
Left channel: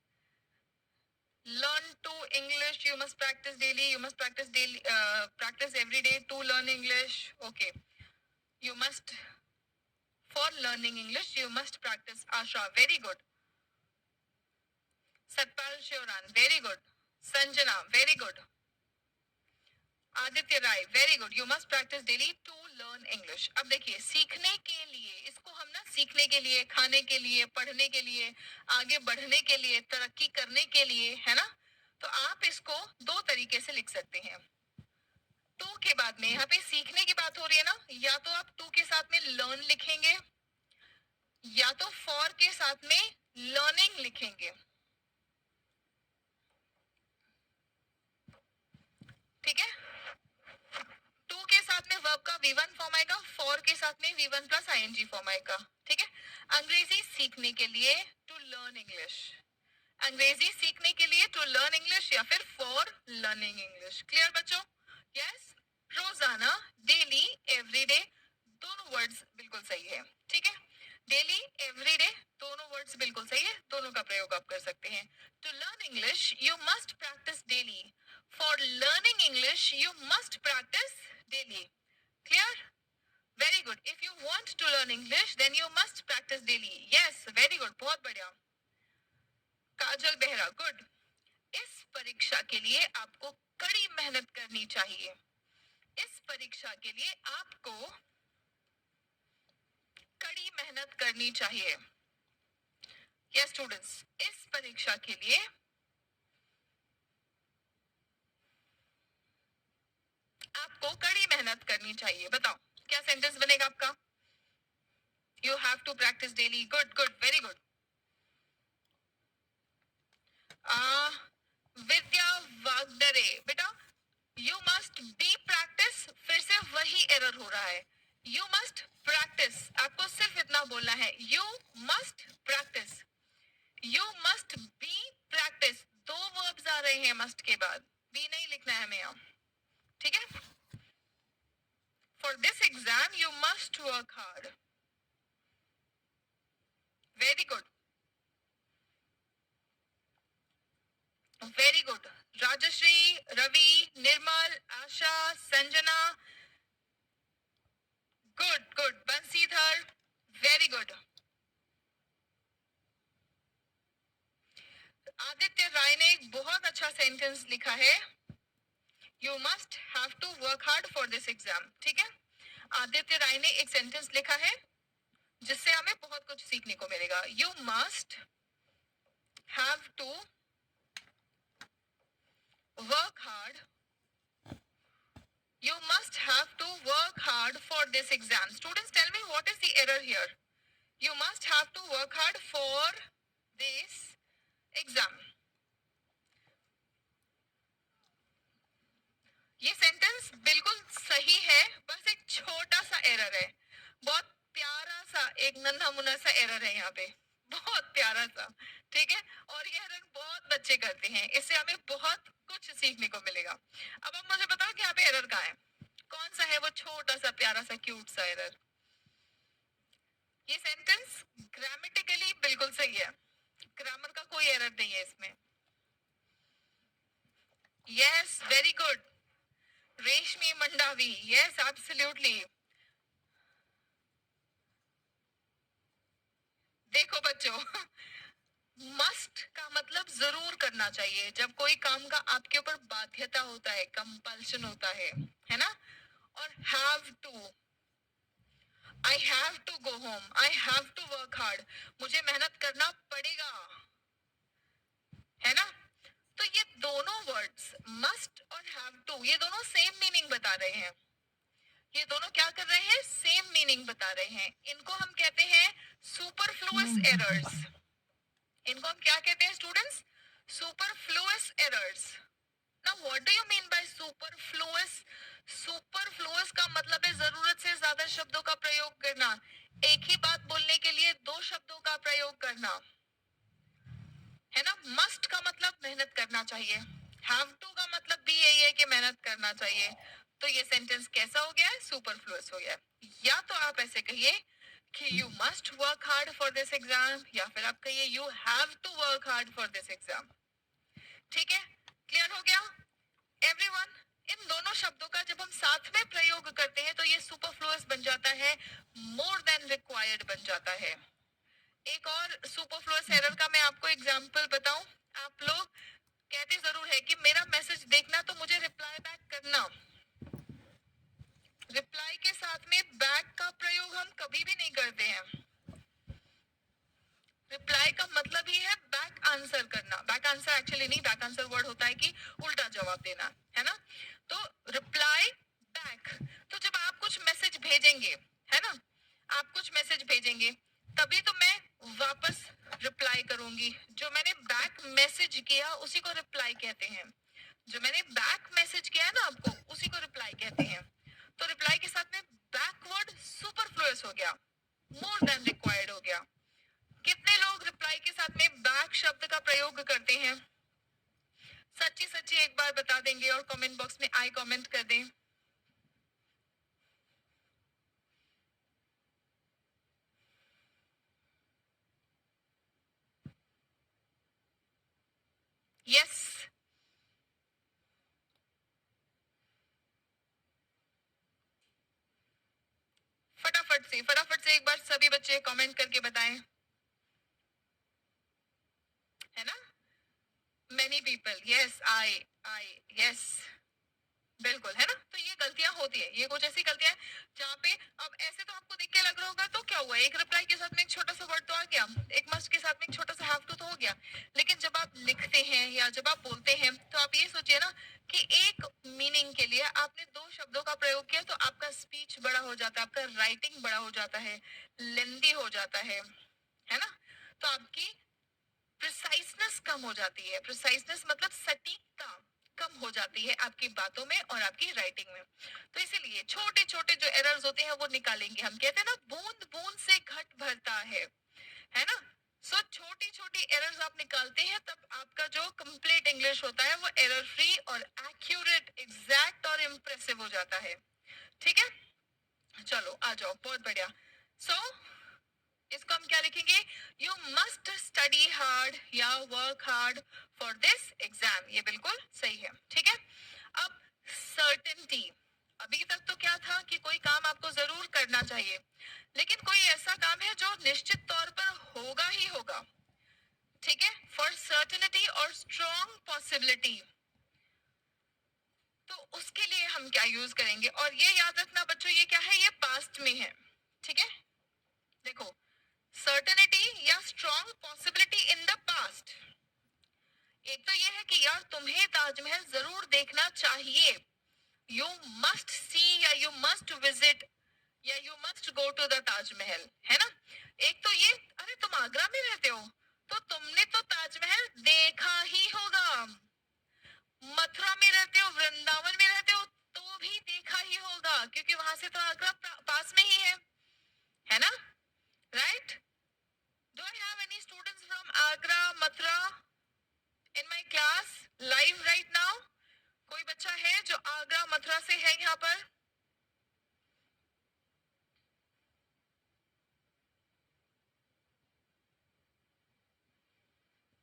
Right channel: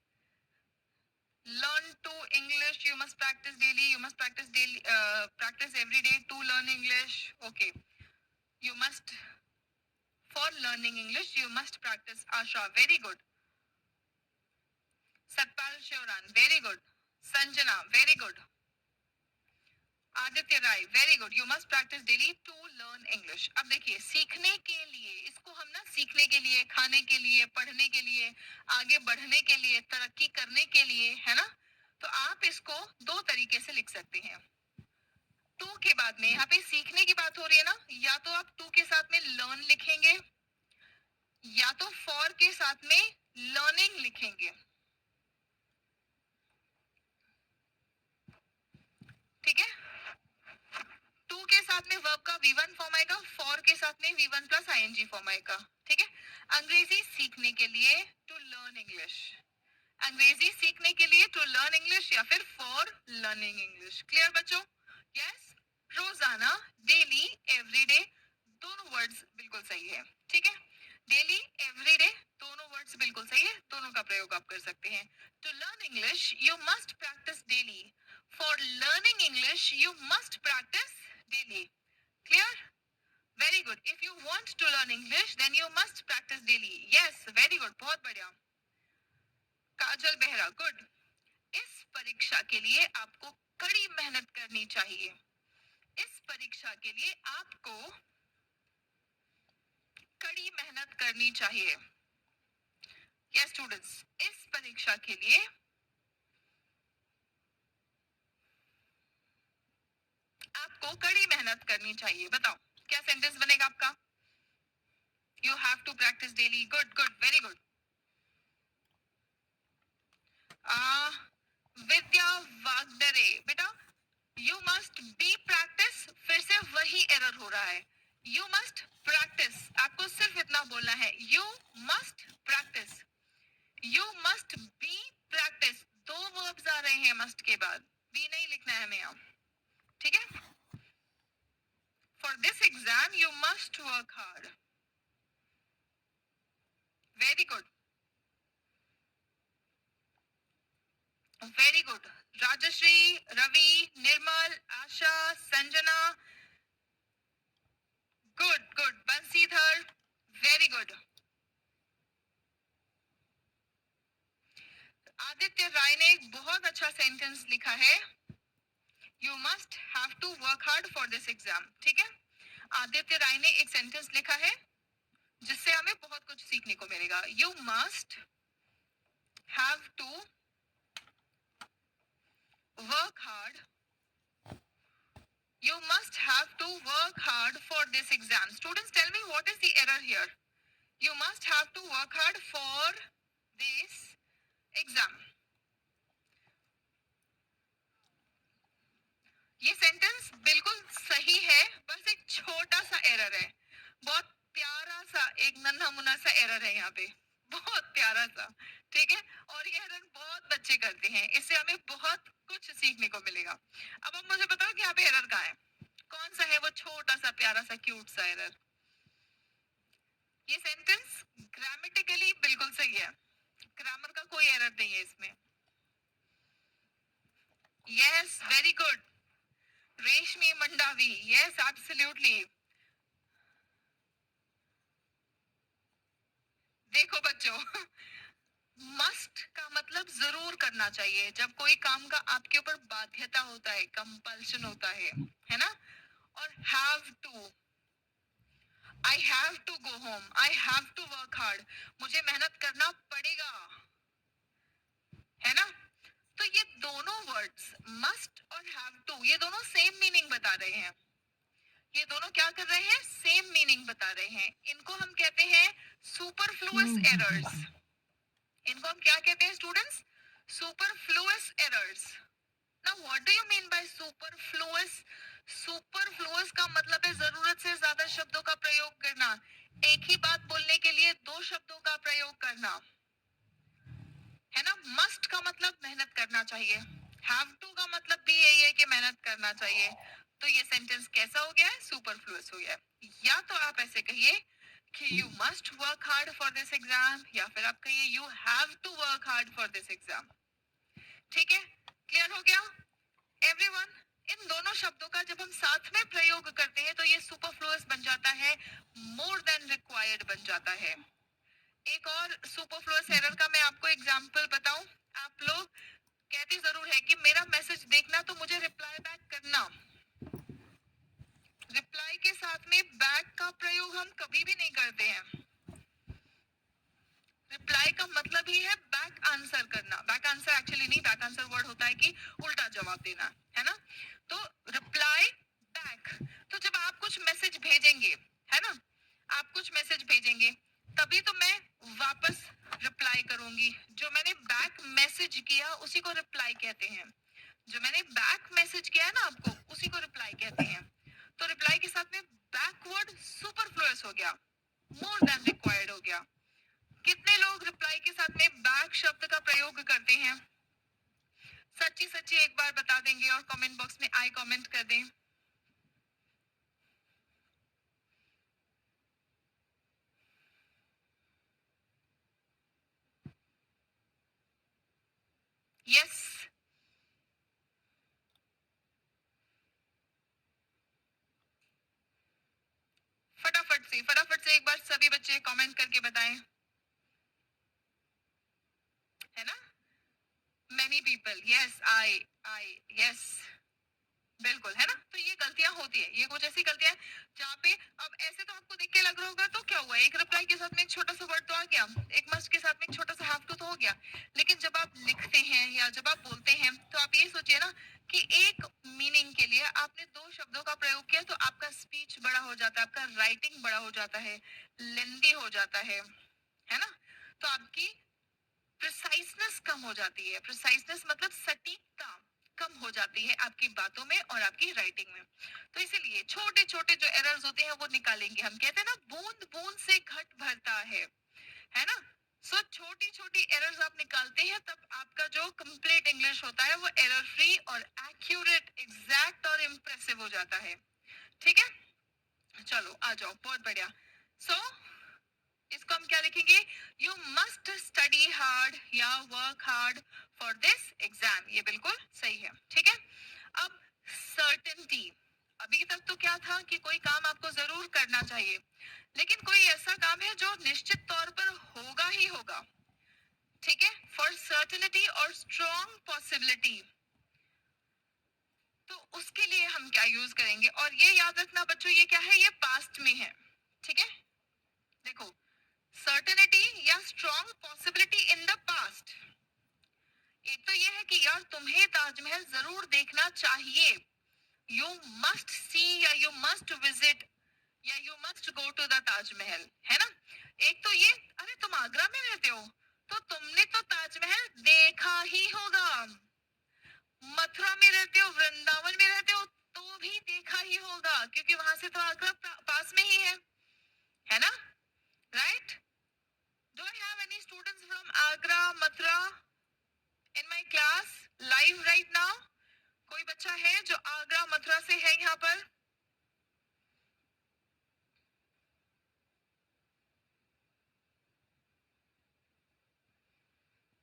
Learn to English, you must practice daily, you must practice daily, practice every day to learn English. Okay, you must, for learning English you must practice. Asha, very good. Satpal Shivran, very good. Sanjana, very good. Aditya Rai, very good. You must practise daily to learn English. अब देखिए, सीखने के लिए, इसको हम ना सीखने के लिए, खाने के लिए, पढ़ने के लिए, आगे बढ़ने के लिए, तरक्की करने के लिए, है ना. तो आप इसको दो तरीके से लिख सकते हैं. टू के बाद में, यहाँ पे सीखने की बात हो रही है ना, या तो आप टू के साथ में लर्न लिखेंगे, या तो फॉर के साथ में लर्निंग लिखेंगे. ठीक है. टू के साथ में वर्ब का V1 फॉर्म आएगा, फॉर के साथ में V1 प्लस ing फॉर्म आएगा. ठीक है. अंग्रेजी सीखने के लिए टू लर्न इंग्लिश, अंग्रेजी सीखने के लिए टू लर्न इंग्लिश, या फिर फॉर लर्निंग इंग्लिश. क्लियर बच्चों? यस. रोजाना, डेली, एवरीडे, दोनों वर्ड्स बिल्कुल सही है. ठीक है. डेली, एवरीडे, दोनों वर्ड्स बिल्कुल सही है, दोनों का प्रयोग आप कर सकते हैं. To learn English you must practise daily, for learning English you must practise daily. Clear? Very good. If you want to learn English, then you must practice daily. Yes, very good. बहुत बढ़िया. काजल Behera, good. इस परीक्षा के लिए आपको कड़ी मेहनत करनी चाहिए. इस परीक्षा के लिए आपको कड़ी मेहनत करनी चाहिए. Yes, students. इस परीक्षा के लिए आपको कड़ी मेहनत करनी चाहिए. बताओ क्या सेंटेंस बनेगा आपका? You have to practice daily. Good good, very good. Vidya Wagdare, बेटा यू मस्ट बी प्रैक्टिस, फिर से वही एरर हो रहा है. यू मस्ट प्रैक्टिस, आपको सिर्फ इतना बोलना है, you must practice. You must B practice. दो वर्ब्स आ रहे हैं मस्ट के बाद, बी नहीं लिखना है हमें यहाँ. ठीक है. For this exam, you must work hard. Very good. Very good. Rajashri, Ravi, Nirmal, Asha, Sanjana. Good, good. Bansidhar. Very good. Aditya राय ने एक बहुत अच्छा सेंटेंस लिखा है. You must have to work hard for this exam. ठीक है. आदित्य राय ने एक सेंटेंस लिखा है जिससे हमें बहुत कुछ सीखने को मिलेगा. You must have to work hard. You must have to work hard for this exam. Students, tell me what is the error here? You must have to work hard for this exam. ये sentence बिल्कुल सही है, बस एक छोटा सा error है. बहुत प्यारा सा एक नन्हा मुन्ना सा एरर है यहाँ पे, बहुत प्यारा सा. ठीक है. और ये एरर बहुत बच्चे करते हैं, इससे हमें बहुत कुछ सीखने को मिलेगा. अब आप मुझे बताओ कि यहाँ पे एरर कहाँ है, कौन सा है वो छोटा सा प्यारा सा क्यूट सा एरर? ये सेंटेंस ग्रामेटिकली बिल्कुल सही है, ग्रामर का कोई एरर नहीं है इसमें. Yes, very good. रेशमी मंडावी, यस एब्सोल्युटली. देखो बच्चों, मस्ट का मतलब जरूर करना चाहिए. जब कोई काम का आपके ऊपर बाध्यता होता है, कंपल्शन होता है ना. और have to, I have to go home, I have to work hard, मुझे मेहनत करना पड़ेगा, है ना. तो ये दोनों वर्ड्स मस्ट और हैव टू, ये दोनों सेम मीनिंग बता रहे हैं. ये दोनों क्या कर रहे हैं? सेम मीनिंग बता रहे हैं. इनको हम कहते हैं सुपरफ्लुअस एरर्स. इनको हम क्या कहते हैं students? Superfluous errors. Now what do you mean by superfluous? Superfluous का मतलब है जरूरत से ज्यादा शब्दों का प्रयोग करना, एक ही बात बोलने के लिए दो शब्दों का प्रयोग करना, है ना. मस्ट का मतलब मेहनत करना चाहिए, हैव टू का मतलब भी यही है कि मेहनत करना चाहिए. तो ये सेंटेंस कैसा हो गया है? सुपरफ्लुअस हो गया है। या तो आप ऐसे कहिए कि you must work hard for this exam, या फिर आप कहिए you have to work hard for this exam. ठीक है, क्लियर हो गया एवरीवन? इन दोनों शब्दों का जब हम साथ में प्रयोग करते हैं तो ये सुपरफ्लुअस बन जाता है, मोर देन रिक्वायर्ड बन जाता है। एक और सुपरफ्लुअस एरर का मैं आपको एग्जांपल बताऊं। आप लोग कहते जरूर है कि मेरा मैसेज देखना तो मुझे रिप्लाई बैक करना। रिप्लाई के साथ में बैक का प्रयोग हम कभी भी नहीं करते हैं। रिप्लाई का मतलब ही है बैक आंसर करना। बैक आंसर एक्चुअली नहीं, बैक आंसर वर्ड होता है कि उल्टा जवाब देना, है ना? तो रिप्लाई बैक, तो जब आप कुछ मैसेज भेजेंगे, है ना, आप कुछ मैसेज भेजेंगे तभी तो मैं वापस रिप्लाई करूंगी। जो मैंने बैक मैसेज किया उसी को रिप्लाई कहते हैं। जो मैंने बैक मैसेज किया है ना आपको, उसी को रिप्लाई कहते हैं। तो रिप्लाई के साथ में बैकवर्ड सुपरफ्लुअस हो गया, मोर देन रिक्वायर्ड हो गया। कितने लोग रिप्लाई के साथ में बैक शब्द का प्रयोग करते हैं? सच्ची सच्ची एक बार बता देंगे और कमेंट बॉक्स में आई कमेंट कर दें। यस, फटाफट से एक बार सभी बच्चे कमेंट करके बताएं, है ना? मेनी पीपल, यस, आई यस, बिल्कुल, है ना? तो ये गलतियां होती है, ये कुछ ऐसी गलतियां हैं जहाँ पे अब ऐसे तो आपको देख के लग रहा होगा तो क्या हुआ, एक रिप्लाई के साथ में एक छोटा सा वर्ड तो आ गया, एक मस्ट के साथ में एक छोटा सा हैव टू तो हो गया। लेकिन जब आप लिखते हैं या जब आप बोलते हैं तो आप ये सोचिए ना कि एक मीनिंग के लिए आपने दो शब्दों का प्रयोग किया तो आपका स्पीच बड़ा हो जाता है, आपका राइटिंग बड़ा हो जाता है, लेंदी हो जाता है ना? तो आपकी प्रिसाइसनेस कम हो जाती है। प्रिसाइसनेस मतलब सटीकता कम हो जाती है आपकी बातों में और आपकी राइटिंग में। तो इसीलिए छोटे छोटे जो एरर्स होते हैं वो निकालेंगे। हम कहते हैं ना, बूंद बूंद से घट भरता है ना? सो छोटी छोटी एरर्स आप निकालते हैं तब आपका जो कंप्लीट इंग्लिश होता है वो एरर फ्री और एक्यूरेट, एग्जैक्ट और इम्प्रेसिव हो जाता है। ठीक है, चलो आ जाओ, बहुत बढ़िया। सो इसको हम क्या लिखेंगे? यू मस्ट स्टडी हार्ड या work hard for this exam. ये बिल्कुल सही है। ठीक है, अब सर्टेनिटी। अभी तक तो क्या था कि कोई काम आपको जरूर करना चाहिए, लेकिन कोई ऐसा काम है जो निश्चित तौर पर होगा ही होगा। ठीक है, फॉर सर्टेनिटी और स्ट्रॉन्ग पॉसिबिलिटी, तो उसके लिए हम क्या यूज करेंगे? और ये याद रखना बच्चों, ये क्या है? ये पास्ट में है। ठीक है, देखो, सर्टेनिटी या strong possibility in the past. एक तो ये है कि यार तुम्हें ताजमहल जरूर देखना चाहिए, यू मस्ट सी या यू मस्ट विजिट या you must go to the Taj Mahal, है ना? एक तो ये, अरे तुम आगरा में रहते हो तो तुमने तो ताजमहल देखा ही होगा, मथुरा में रहते हो, वृंदावन में रहते हो तो भी देखा ही होगा, क्योंकि वहां से तो आगरा पास में ही है ना? Right? Do I have any students from Agra, Mathura in my class live right now? कोई बच्चा है जो आगरा मथुरा से है यहाँ पर?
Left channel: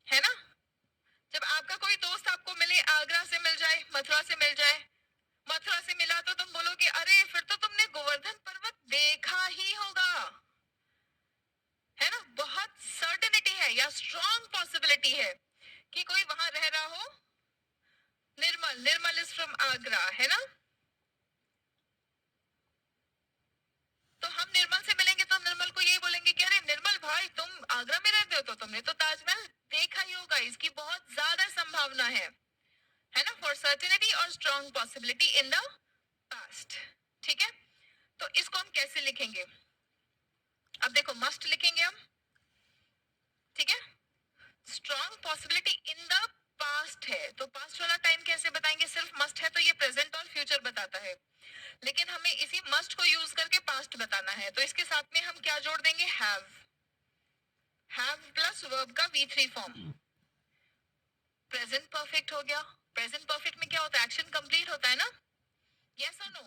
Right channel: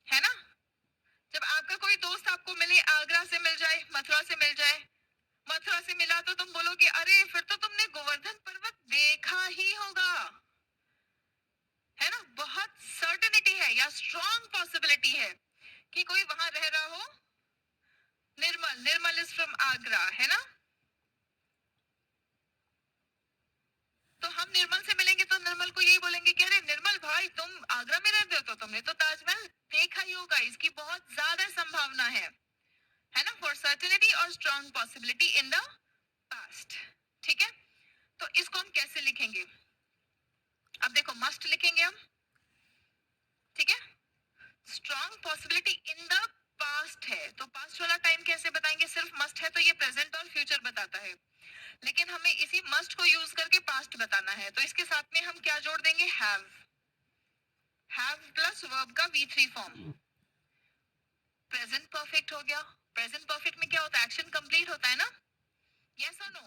है ना? जब आपका कोई दोस्त आपको मिले, आगरा से मिल जाए, मथुरा से मिल जाए, मथुरा से मिला तो तुम बोलोगे अरे फिर तो तुमने गोवर्धन पर्वत देखा ही होगा, है ना? बहुत सर्टेनिटी है या स्ट्रॉन्ग पॉसिबिलिटी है कि कोई वहां रह रहा हो। निर्मल, निर्मल इज फ्रॉम आगरा, है ना? तो हम निर्मल से मिलेंगे तो निर्मल को यही बोलेंगे कि अरे निर्मल भाई, तुम आगरा में रहते हो तो तुमने तो ताजमहल देखा ही होगा, इसकी बहुत ज्यादा संभावना है ना? फॉर सर्टेनिटी और strong possibility in the past. ठीक है, तो इसको हम कैसे लिखेंगे? अब देखो, मस्ट लिखेंगे हम, ठीक है? Strong possibility in the past है तो पास्ट वाला टाइम कैसे बताएंगे? सिर्फ मस्ट है तो ये प्रेजेंट और फ्यूचर बताता है, लेकिन हमें इसी मस्ट को यूज करके पास्ट बताना है, तो इसके साथ में हम क्या जोड़ देंगे? हैव प्लस वर्ब का V3 फॉर्म। प्रेजेंट परफेक्ट हो गया। प्रेजेंट परफेक्ट में क्या होता है? एक्शन कंप्लीट होता है ना? यस और नो?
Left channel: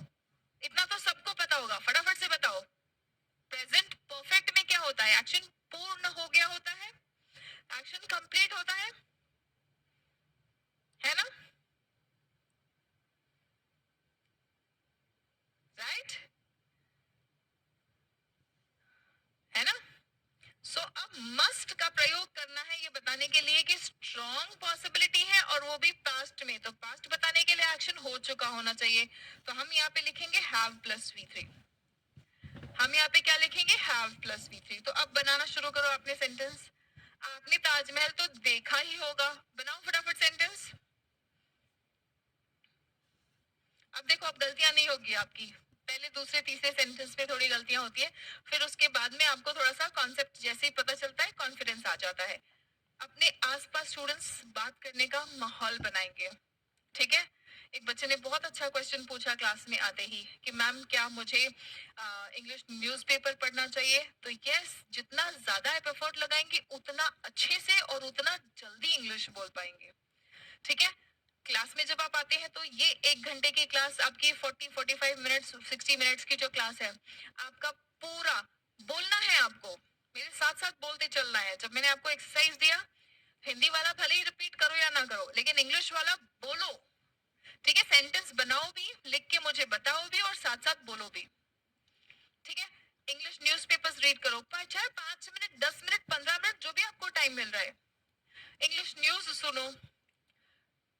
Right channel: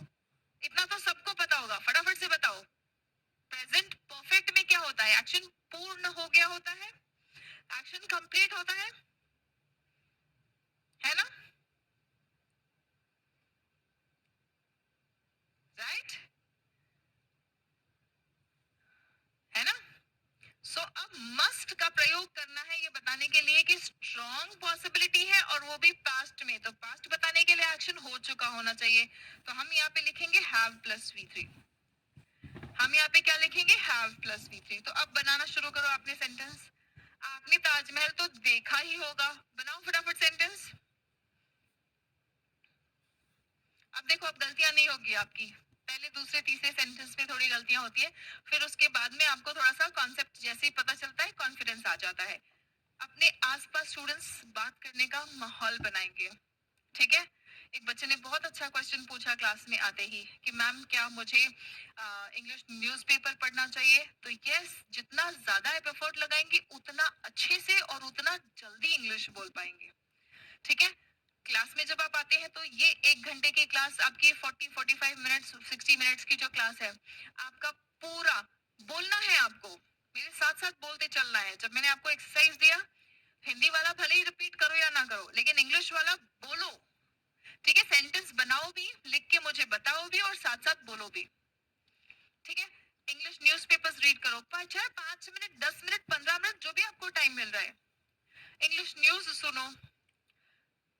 मस्ट का प्रयोग करना है ये बताने के लिए कि स्ट्रॉन्ग पॉसिबिलिटी है और वो भी पास्ट में, तो पास्ट बताने के लिए एक्शन हो चुका होना चाहिए। तो हम यहाँ पे लिखेंगे हैव प्लस V3। हम यहाँ पे क्या लिखेंगे? Have plus V3। तो अब बनाना शुरू करो आपने सेंटेंस। आपने ताजमहल तो देखा ही होगा, बनाओ फटाफट सेंटेंस। अब देखो, अब गलतियां नहीं होगी आपकी। पहले दूसरे तीसरे सेंटेंस में थोड़ी गलतियां होती है, फिर उसके बाद में आपको थोड़ा सा कॉन्सेप्ट जैसे ही पता चलता है कॉन्फिडेंस आ जाता है। अपने आसपास स्टूडेंट्स बात करने का माहौल बनाएंगे, ठीक है। एक बच्चे ने बहुत अच्छा क्वेश्चन पूछा क्लास में आते ही कि मैम क्या मुझे इंग्लिश न्यूज़पेपर पढ़ना चाहिए? तो यस, जितना ज्यादा आप एफर्ट लगाएंगे उतना अच्छे से और उतना जल्दी इंग्लिश बोल पाएंगे, ठीक है। क्लास में जब आप आते हैं तो ये 1 घंटे की क्लास आपकी 45 मिनट्स 60 मिनट्स की जो क्लास है, आपका पूरा बोलना है आपको, मेरे साथ साथ बोलते चलना है। जब मैंने आपको एक्सरसाइज दिया, हिंदी वाला भले ही रिपीट करो या ना करो, लेकिन इंग्लिश वाला बोलो, ठीक है। सेंटेंस बनाओ भी, लिख के मुझे बताओ भी, और साथ साथ बोलो भी, ठीक है। इंग्लिश न्यूज़पेपर्स रीड करो, चाहे 5 मिनट 10 मिनट 15 मिनट जो भी आपको टाइम मिल रहा है। इंग्लिश न्यूज सुनो,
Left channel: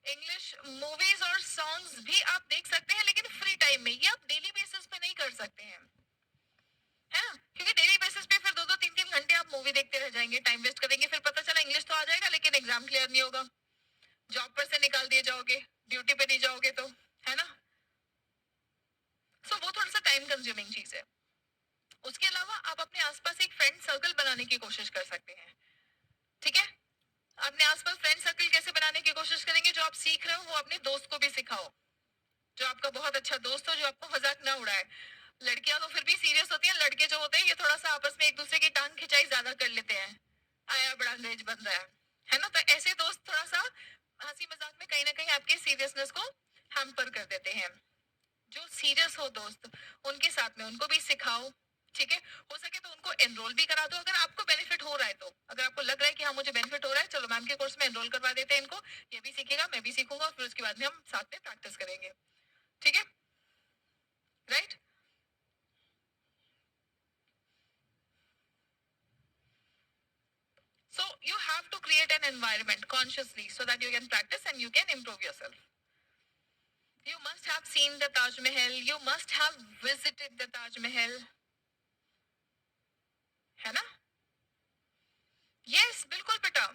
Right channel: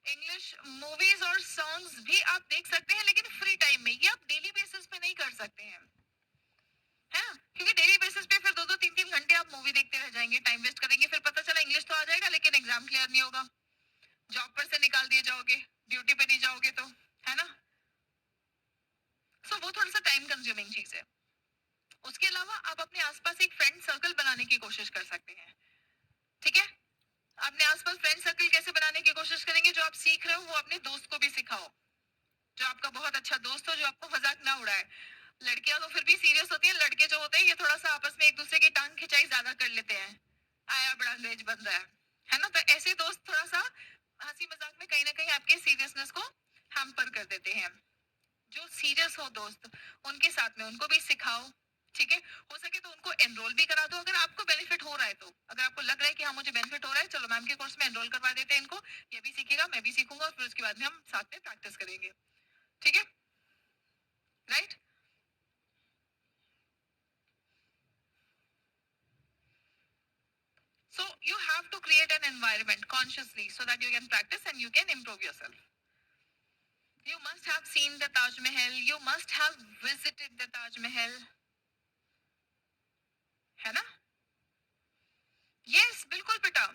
इंग्लिश मूवीज और सॉन्ग्स भी आप देख सकते हैं, लेकिन फ्री टाइम में। ये आप डेली बेसिस पे नहीं कर सकते हैं, है ना, क्योंकि डेली बेसिस पे फिर 2-2 3-3 घंटे आप मूवी देखते रह जाएंगे, टाइम वेस्ट करेंगे, फिर पता चला इंग्लिश तो आ जाएगा लेकिन एग्जाम क्लियर नहीं होगा, जॉब पर से निकाल दिए जाओगे, ड्यूटी पे नहीं जाओगे तो, है ना। सो वो थोड़ा सा टाइम कंज्यूमिंग चीज है। उसके अलावा आप अपने आसपास एक फ्रेंड सर्कल बनाने की कोशिश कर सकते हैं, ठीक है। अपने आसपास फ्रेंड सर्कल कैसे बनाने की कोशिश करेंगे? जो आप सीख रहे हो वो अपने दोस्त को भी सिखाओ, जो आपका बहुत अच्छा दोस्त हो, जो आपको मजाक ना उड़ाए। लड़कियां तो फिर भी सीरियस होती हैं, लड़के जो होते हैं ये थोड़ा सा आपस में एक दूसरे की टांग खिंचाई ज्यादा कर लेते हैं, आया बड़ा अंग्रेज बन रहा है ना। तो ऐसे दोस्त थोड़ा सा हंसी मजाक में कहीं ना कहीं आपके सीरियसनेस को हैम्पर कर देते हैं। जो सीरियस हो दोस्त, उनके साथ में उनको भी सिखाओ, ठीक है। हो सके तो उनको एनरोल भी करा दो, अगर आपको बेनिफिट हो रहा है तो। अगर आपको लग रहा है कि हाँ मुझे बेनिफिट हो रहा है, चलो मैम के कोर्स में एनरोल करवा देते हैं इनको, ये भी सीखेगा मैं भी सीखूंगा, फिर उसके बाद में हम साथ में प्रैक्टिस करेंगे, ठीक है, right. So you have to create an environment consciously so that you can practice and you can improve yourself. You must have seen the Taj Mahal. You must have visited the Taj Mahal. है ना? Yes, बिल्कुल बेटा.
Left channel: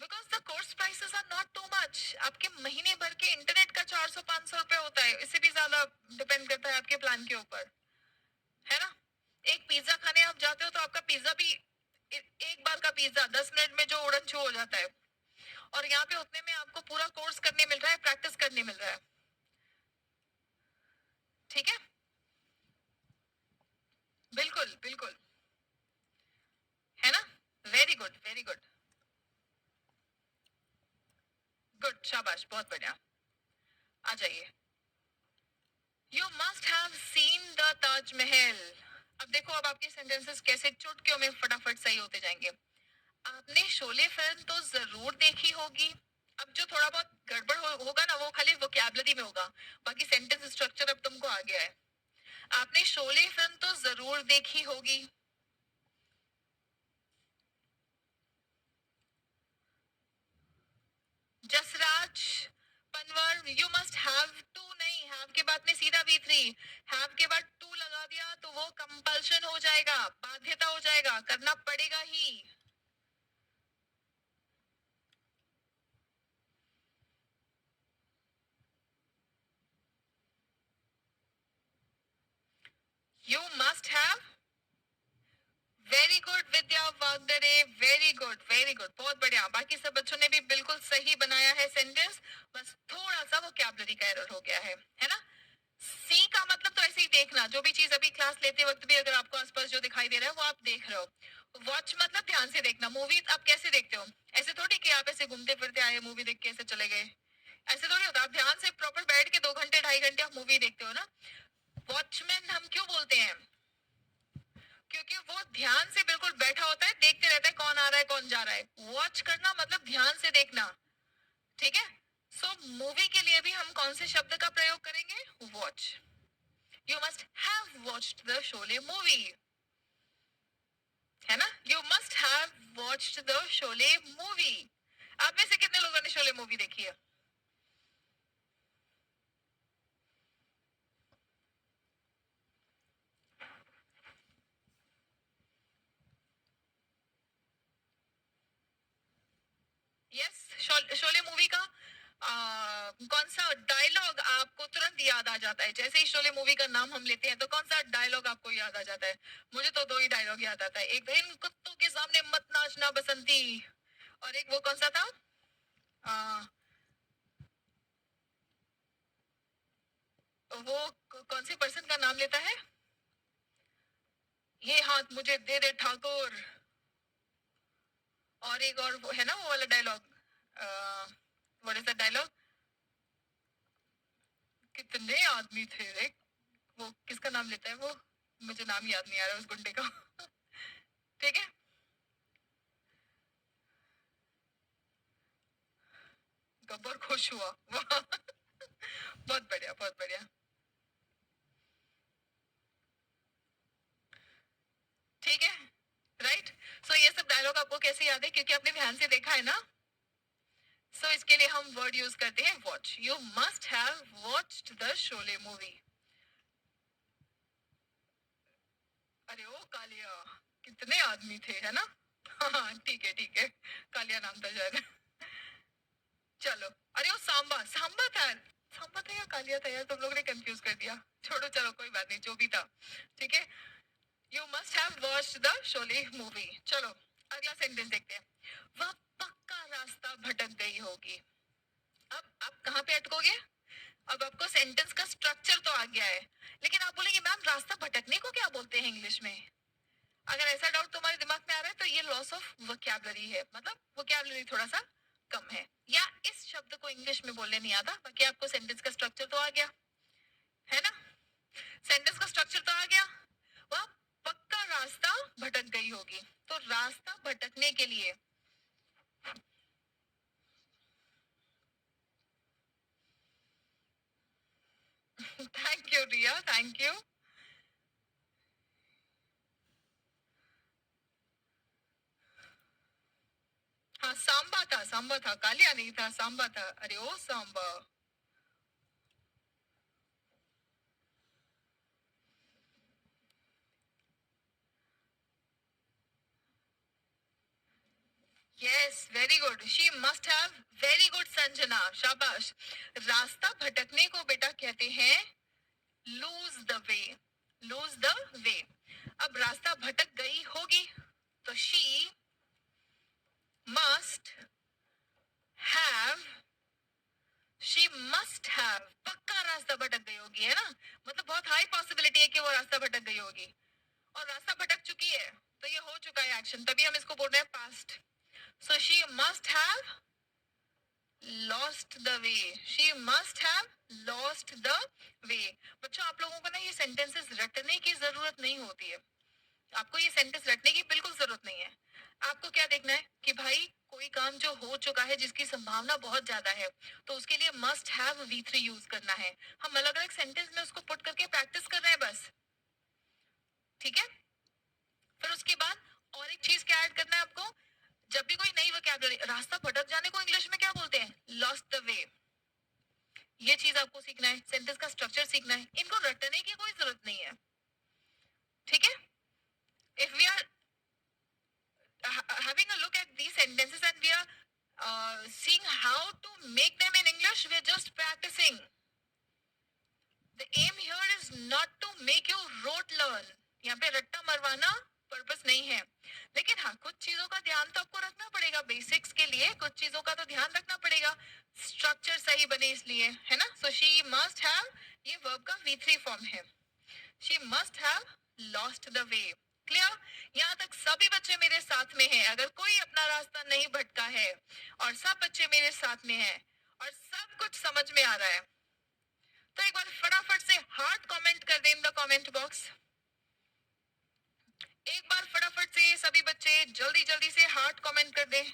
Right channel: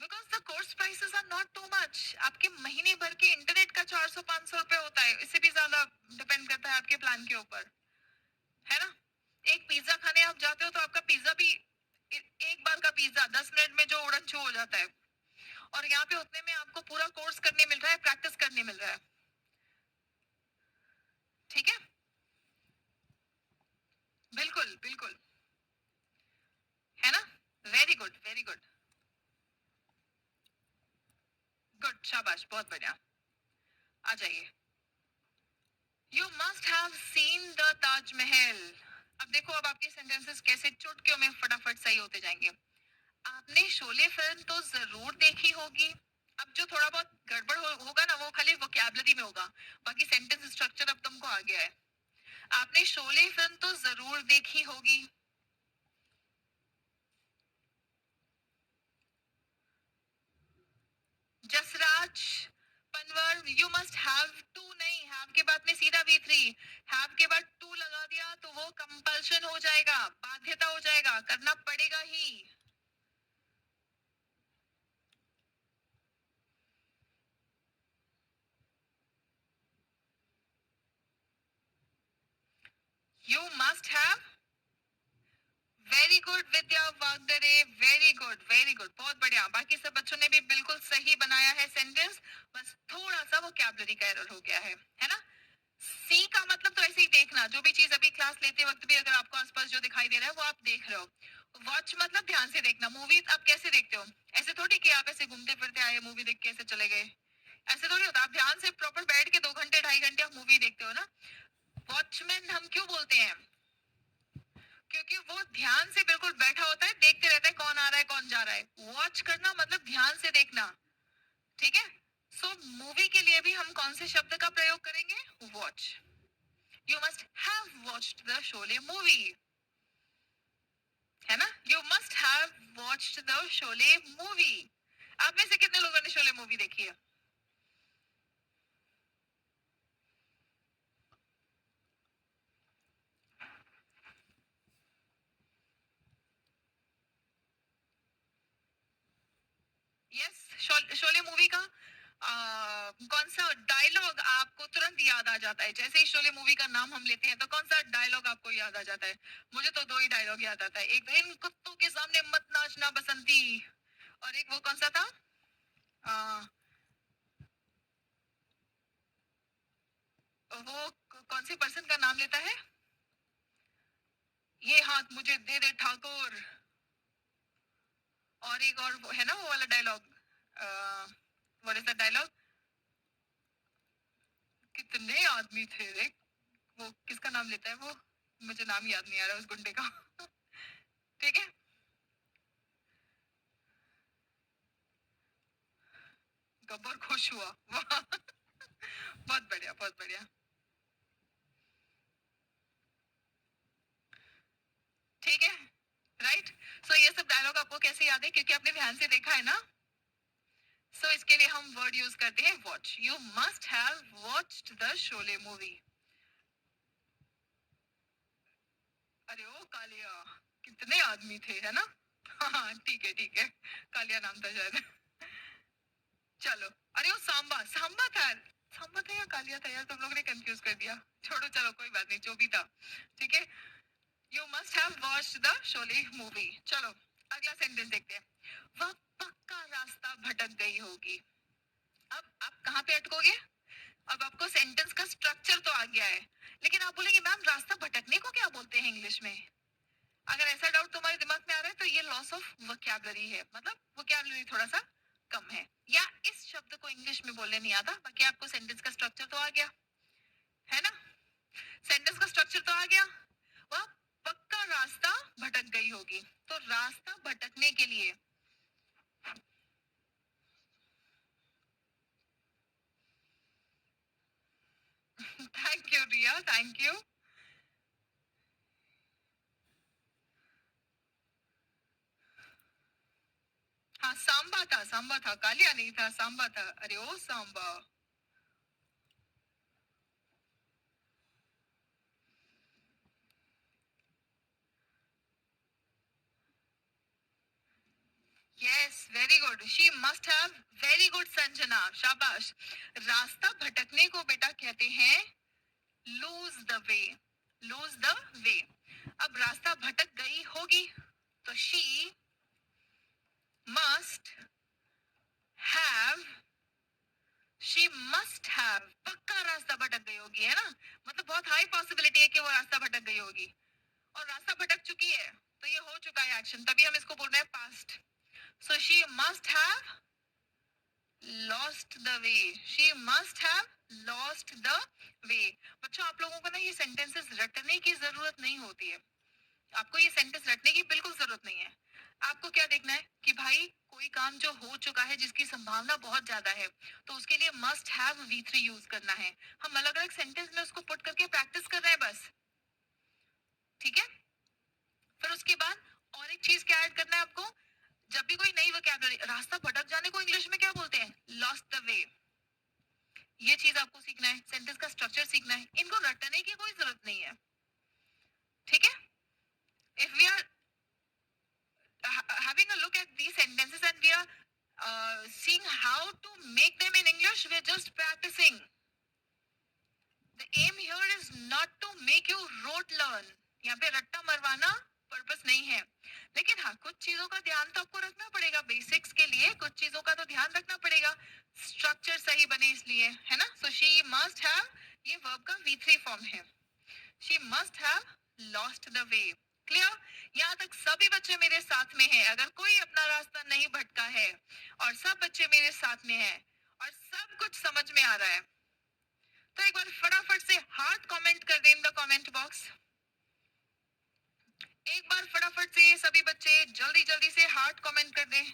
Because the course prices are not too much. आपके महीने भर के internet का 400-500 रुपए होता है. इससे भी ज्यादा डिपेंड करता है आपके प्लान के ऊपर. है ना? एक पिज्जा खाने आप जाते हो तो आपका पिज्जा भी एक बार का पिज्जा 10 मिनट में जो उड़न छू हो जाता है, और यहाँ पे उतने में आपको पूरा कोर्स करने मिल रहा है, प्रैक्टिस करने मिल रहा है, ठीक है। बिल्कुल बिल्कुल, है ना। Very good very good, good, शाबाश, बहुत बढ़िया। आ जाइए। You must have seen the Taj Mahal. अब देखो, अब आपके सेंटेंसेस कैसे चुटकियों में फटाफट सही होते जाएंगे। आपने शोले फिल्म तो जरूर देखी होगी। अब जो थोड़ा बहुत गड़बड़ होगा ना, वो खाली वोकैबुलरी में होगा, बाकी सेंटेंस स्ट्रक्चर अब तुमको आ गया है। आपने शोले फिल्म तो जरूर देखी होगी। Jasraj, Panwar, you must have to नहीं, हैव के बाद में सीधा V3, हैव के बाद टू लगा दिया तो वो कंपल्शन हो जाएगा, बाध्यता हो जाएगा, करना पड़ेगा ही। You must have, very good Vidya Wagdare, very good very good, बहुत बढ़िया। बाकी सब बच्चों ने भी बिल्कुल सही बनाया है सेंटेंस, बस थोड़ा सा वो कैबलरी का एरर हो गया है ना। सी का मतलब तो ऐसे ही देखना, जो भी चीज अभी क्लास लेते वक्त भी अगर आपको आसपास जो दिखाई दे रहा है वो आप देख रहे हो। वॉच मतलब ध्यान से देखना। मूवी आप कैसे देखते हो? ऐसे थोड़ी कि आप ऐसे घूमते फिरते आए, मूवी देख के ऐसे चले गए, ऐसे थोड़ी होता। आप ध्यान से प्रॉपर बैठ के 2 घंटे 2.5 घंटे आप मूवी देखते हो ना। वॉचमैन हम क्यों बोलते हैं? क्योंकि वो ध्यान से बिल्कुल बैठा होता है, देखते रहता है कौन आ रहा है कौन जा रहा है। वॉच करना मतलब ध्यान से देखना, ठीक है। सो मूवी के लिए भी हम कौन से शब्द का प्रयोग करेंगे? Watch. You must have watched the Sholay movie. है ना? You must have watched the Sholay movie. आप में से कितने लोगों ने शोले मूवी देखी है? यस. शोले मूवी का कौन सा डायलॉग आपको तुरंत याद आ जाता है? जैसे ही शोले मूवी का नाम हम लेते हैं तो कौन सा डायलॉग आपको याद आ जाता है? मुझे तो दो ही डायलॉग याद आता है. एक तो इन कुत्तों के सामने मत नाचना बसंती, और एक वो कौन सा था? आ, वो कौन सी पर्सन का नाम लेता है? ये हाथ मुझे दे दे ठाकुर. और एक और वो है ना, वो वाला dialogue. What is the dialogue? कितने आदमी थे रे. वो किसका नाम लेता है वो? मुझे नाम याद नहीं आ रहा उस गुंडे का. ठीक है. गब्बर खुश हुआ. वाह. बहुत बढ़िया, बहुत बढ़िया. ठीक है. राइट. सो ये सब डायलॉग आपको कैसे याद है? क्योंकि आपने ध्यान से देखा है ना. सो इसके लिए हम वर्ड यूज करते हैं watch. You must have watched the Sholay movie. अरे ओ कालिया, कितने आदमी थे, है ना? हाँ ठीक है, ठीक है. कालिया नाम था शायद. चलो. अरे वो सांबा, सांबा था. सांबा था या कालिया था यार, तुम लोग ने कंफ्यूज कर दिया. छोड़ो, चलो कोई बात नहीं, जो भी था. ठीक है. You must have watched the Sholay movie. चलो अगला सेंटेंस देखते हैं. वह पक्का रास्ता भटक गई होगी. अब आप कहाँ पे अटकोगे? अब आपको सेंटेंस का स्ट्रक्चर तो आ गया है, लेकिन आप बोलेंगे मैम रास्ता भटकने को क्या बोलते हैं इंग्लिश में? अगर ऐसा डाउट तुम्हारे दिमाग में आ रहा है तो ये लॉस ऑफ वोकैबुलरी है, मतलब वोकैबुलरी थोड़ा सा कम है, या इस शब्द को इंग्लिश में बोलने नहीं आता. बाकी आपको सेंटेंस का स्ट्रक्चर तो आ गया है ना? सेंटेंस का स्ट्रक्चर तो आ गया. वह पक्का रास्ता भटक गई होगी. तो रास्ता भटकने के लिए thank you Riya, thank you. हाँ सांबा था, सांबा था, कालिया नहीं था, सांबा था. अरे ओ Samba. Yes, very good. She must have. Very good Sanjana, शाबाश. रास्ता भटकने को बेटा कहते हैं lose the way. Lose the way. अब रास्ता भटक गई होगी तो she must have. She must have. पक्का रास्ता भटक गई होगी, है ना? मतलब बहुत हाई पॉसिबिलिटी है कि वो रास्ता भटक गई होगी. और रास्ता भटक चुकी है, तो ये हो चुका है एक्शन, तभी हम इसको बोल रहे हैं past. So she must have lost the way. She must have lost the way. बच्चों आप लोगों को ना ये सेंटेंसेस रटने की जरूरत नहीं होती है. आपको ये सेंटेंस रटने की बिल्कुल जरूरत नहीं है. आपको क्या देखना है कि भाई कोई काम जो हो चुका है जिसकी संभावना बहुत ज्यादा है, तो उसके लिए मस्ट हैव V3 यूज करना है. हम अलग अलग सेंटेंस में उसको पुट करके प्रैक्टिस कर रहे हैं बस. ठीक है. फिर उसके बाद और एक चीज क्या ऐड करना है आपको. जब भी कोई नई वोकैबुलरी, रास्ता भटक जाने को इंग्लिश में क्या बोलते हैं? Lost the way. ये चीज आपको सीखना है, सेंटेंस का स्ट्रक्चर सीखना है. इनको रटने की कोई जरूरत नहीं है. ठीक है. If we are having a look at these sentences and we are seeing how to make them in English, we are just practicing. The aim here is not to make you rote learn. यहाँ पे रट्टा मरवाना purpose नहीं है. लेकिन हाँ, कुछ चीजों का ध्यान तो आपको रखना पड़ेगा. बेसिक्स के लिए कुछ चीजों का तो ध्यान रखना पड़ेगा, स्ट्रक्चर सही बने इसलिए, है ना? सो शी मस्ट हैव, ये वर्ब का V3 फॉर्म है. She must have lost the way. Clear? यहाँ तक सभी बच्चे मेरे साथ में हैं. अगर कोई अपना रास्ता नहीं भटका है और सब बच्चे मेरे साथ में हैं और सब कुछ समझ में आ रहा है, तो एक बार फटाफट से हार्ट कमेंट कर दें इन द कमेंट बॉक्स. एक बार फटाफट से सभी बच्चे जल्दी जल्दी से हार्ट कमेंट कर दें.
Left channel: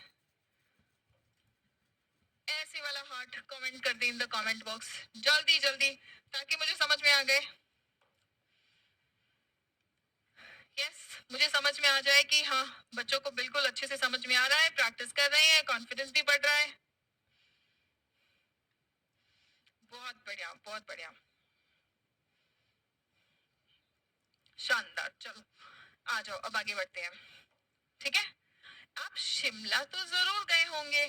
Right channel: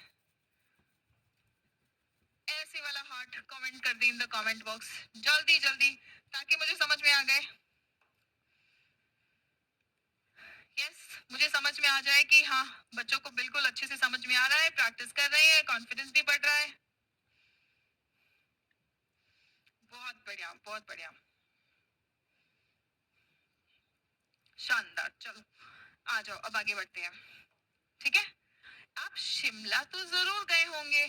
ऐसे वाला हार्ट कमेंट कर दें इन द कमेंट बॉक्स. जल्दी जल्दी, ताकि मुझे समझ में आ गए. यस. मुझे समझ में आ जाए कि हाँ बच्चों को बिल्कुल अच्छे से समझ में आ रहा है, प्रैक्टिस कर रहे हैं, कॉन्फिडेंस भी बढ़ रहा है। बहुत बढ़िया, बहुत बढ़िया, शानदार। चलो आ जाओ, अब आगे बढ़ते हैं। ठीक है, आप शिमला तो जरूर गए होंगे।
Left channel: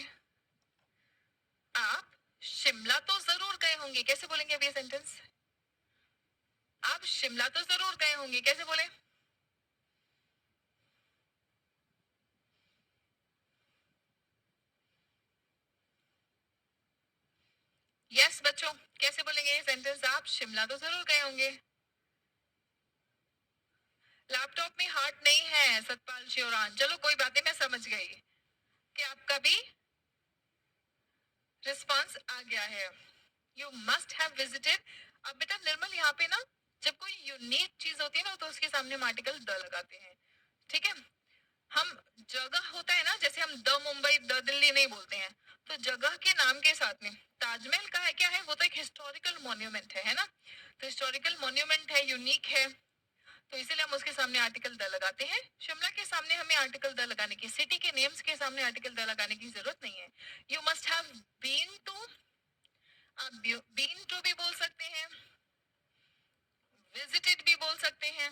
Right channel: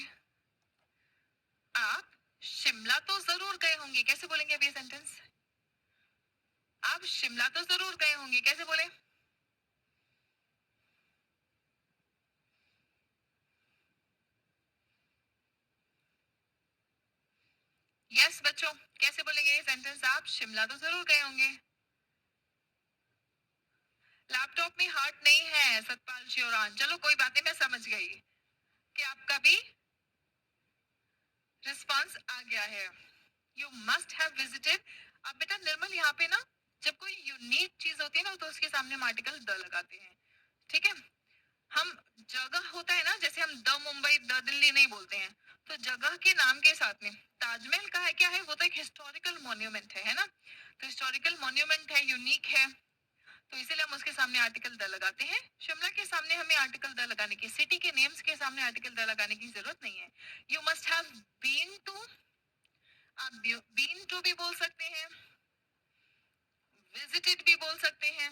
आप शिमला तो जरूर गए होंगे, कैसे बोलेंगे अभी ये सेंटेंस? आप शिमला तो जरूर गए होंगे, कैसे बोले? यस बच्चों, कैसे बोलेंगे ये सेंटेंस? आप शिमला तो जरूर गए होंगे। लैपटॉप में हार्ट नहीं है सतपाल शिवरान, चलो कोई बात नहीं, मैं समझ गई कि आपका भी रिस्पॉन्स आ गया है। You must have visited. अब बेटा निर्मल, यहाँ पे ना जब कोई यूनिक चीज होती है ना तो उसके सामने हम आर्टिकल द लगाते हैं। ठीक है, हम जगह होता है ना, जैसे हम द मुंबई द दिल्ली नहीं बोलते हैं, तो जगह के नाम के साथ में ताजमहल का है क्या है, वो तो एक हिस्टोरिकल मॉन्यूमेंट है ना, तो हिस्टोरिकल मॉन्यूमेंट है, यूनिक है, तो इसीलिए हम उसके सामने आर्टिकल द लगाते हैं। शिमला के सामने हमें आर्टिकल द लगाने की, सिटी के नेम्स के सामने आर्टिकल द लगाने की जरूरत नहीं है। You must have been to, आप बीन टू भी बोल सकते हैं, विजिटेड भी बोल सकते हैं,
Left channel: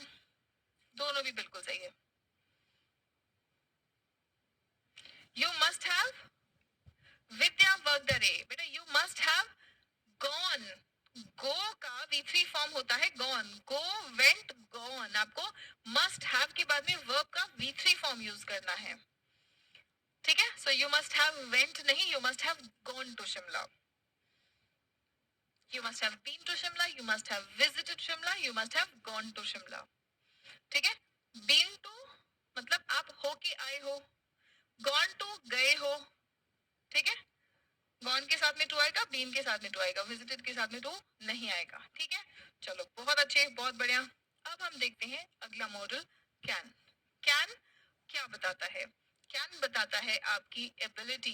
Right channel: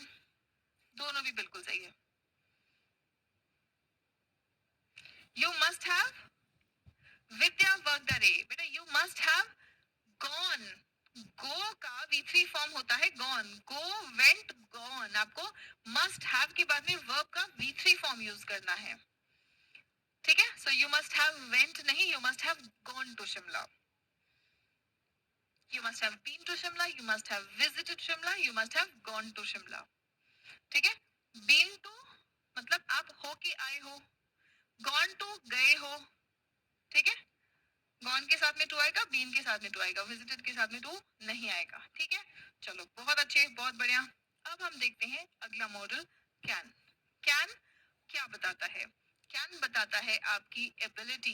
दोनों भी बिल्कुल सही है। यू मस्ट हैव विद्या वगदरे, बेटा यू मस्ट हैव गॉन। गो का V3 फॉर्म होता है गॉन, गो वेंट गॉन, आपको मस्ट हैव के बाद में वर्ब का V3 फॉर्म यूज करना है। ठीक है, so you must have went नहीं, you must have gone to Shimla. You must have been to Shimla, you must have visited Shimla, you must have gone to Shimla. ठीक है, बीन टू मतलब आप हो के आए हो, गॉन टू गए हो। ठीक है, गॉन के साथ में टू आएगा, बीन के साथ में टू आएगा, विजिटेड के साथ में टू नहीं आएगा। ठीक है, चलो बहुत अच्छे, बहुत बढ़िया। अब हम देखते हैं अगला मॉडल, कैन। कैन क्या बताता है? कैन बताता है आपकी एबिलिटी।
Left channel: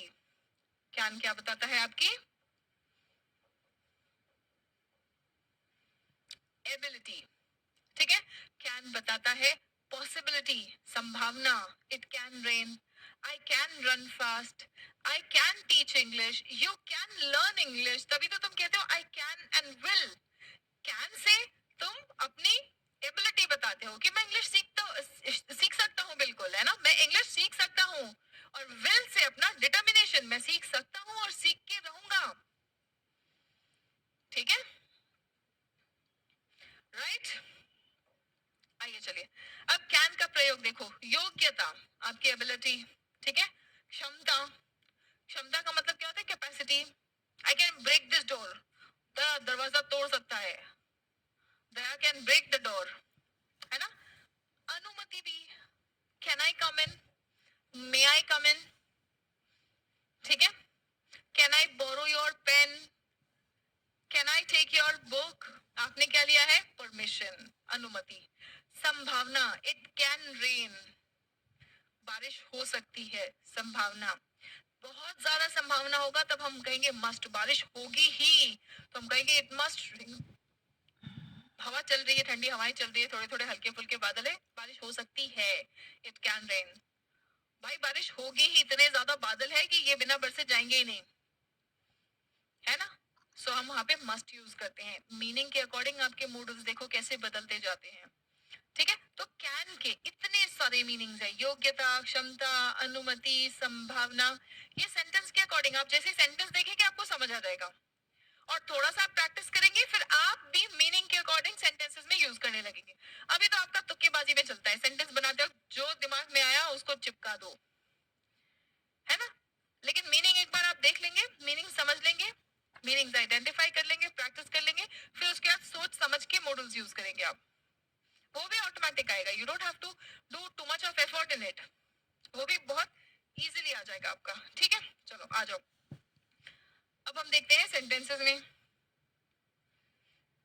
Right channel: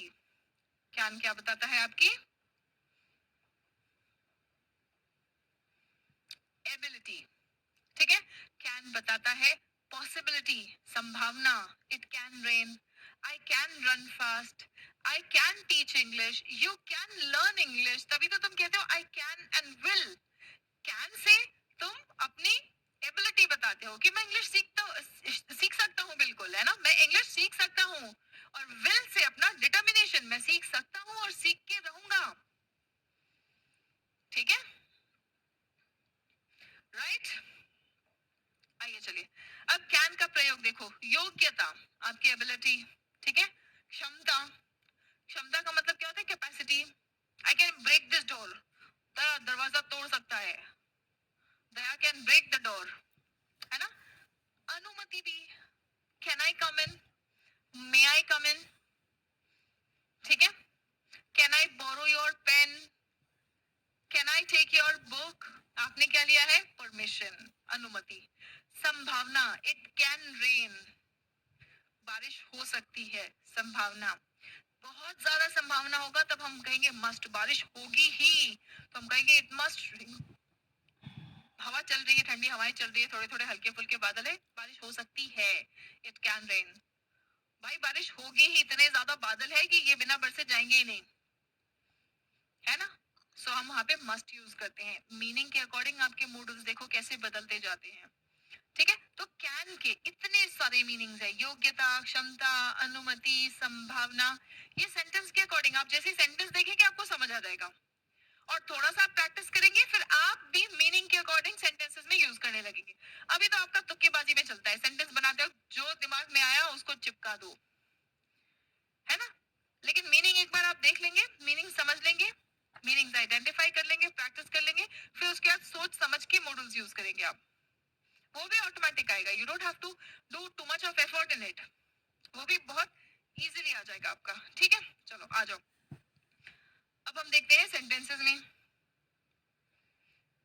कैन क्या बताता है? आपकी एबिलिटी। ठीक है, कैन बताता है पॉसिबिलिटी, संभावना। It can rain, I can run fast, I can teach English, you can learn English. तभी तो तुम कहते हो I can and will. Can say तुम अपनी एबिलिटी बताते हो कि मैं इंग्लिश सीख सकता हूँ, बिल्कुल है ना, मैं इंग्लिश सीख सकता हूँ। और विल से अपना डिटर्मिनेशन, मैं सीख सकता हूँ और सीख के रहूंगा। ठीक है, राइट। आइए चलिए, अब कैन का प्रयोग देखो। योग्यता, आपकी एबिलिटी। ठीक है, क्षमता, क्षमता का मतलब क्या होता है? Capacity. I can break this door, दरवाजा तोड़ सकता है, Daya can break the door, है ना। अनुमति भी, can I come in, may I come in. ठीक है, can I borrow your pen, can I take your book. आपने क्या लिया है? परमिशन, अनुमति। संभावना, इट कैन रेन, बारिश हो सकती है, संभावना। बहुत ज्यादा संभावना होगा तब हम कहेंगे मस्ट, बारिश होगी ही तो हम कहेंगे इट मस्ट। हवा चल रही है, ठंडी हवाएं चल रही है, थोड़े थोड़े हल्के फुल्के बादल है, बारिश हो सकती है, इट कैन रेन। भाई बारिश होगी ही, इतने ज्यादा बादल है कि ये बिना बरसे जाएंगे ही नहीं, है ना। सो हम वहां पे मस्ट यूज करते हैं। मीनिंग के अकॉर्डिंग आपके मूड्स देखो कैसे बदलते जाते हैं। ठीक है, तो कैन के इतने सारे मीनिंग्स है, योग्यता, क्षमता, अनुमति, संभावना। ये सेंटेंस के अकॉर्डिंग आप जैसे सेंटेंस देखेंगे आपको समझ आ जाएगा, और थोड़ा सा आप प्रैक्टिस करेंगे फिर आप भी मीनिंग के अकॉर्डिंग सेंटेंसेस में यूज करने लगेंगे। अभी तो आपका तुक्केबाजी में चलता है, सेंटेंस बनाते हो जो दिमाग में आया उसको चिपका दो, है ना। लेकिन मीनिंग एक बार आप देख लेंगे, मीनिंग समझ लेंगे, मीनिंग आइडेंटिफाई कर लेंगे, प्रैक्टिस कर लेंगे, फिर उसके बाद सोच समझ के मॉडल्स यूज करेंगे आप, वो भी ऑटोमेटिक आएगा। You don't have to do too much of effort in it, वो भी बहुत इजीली आ जाएगा आपका। ठीक है, चलो आ जाओ, अब हम देखते हैं सेंटेंसेस में।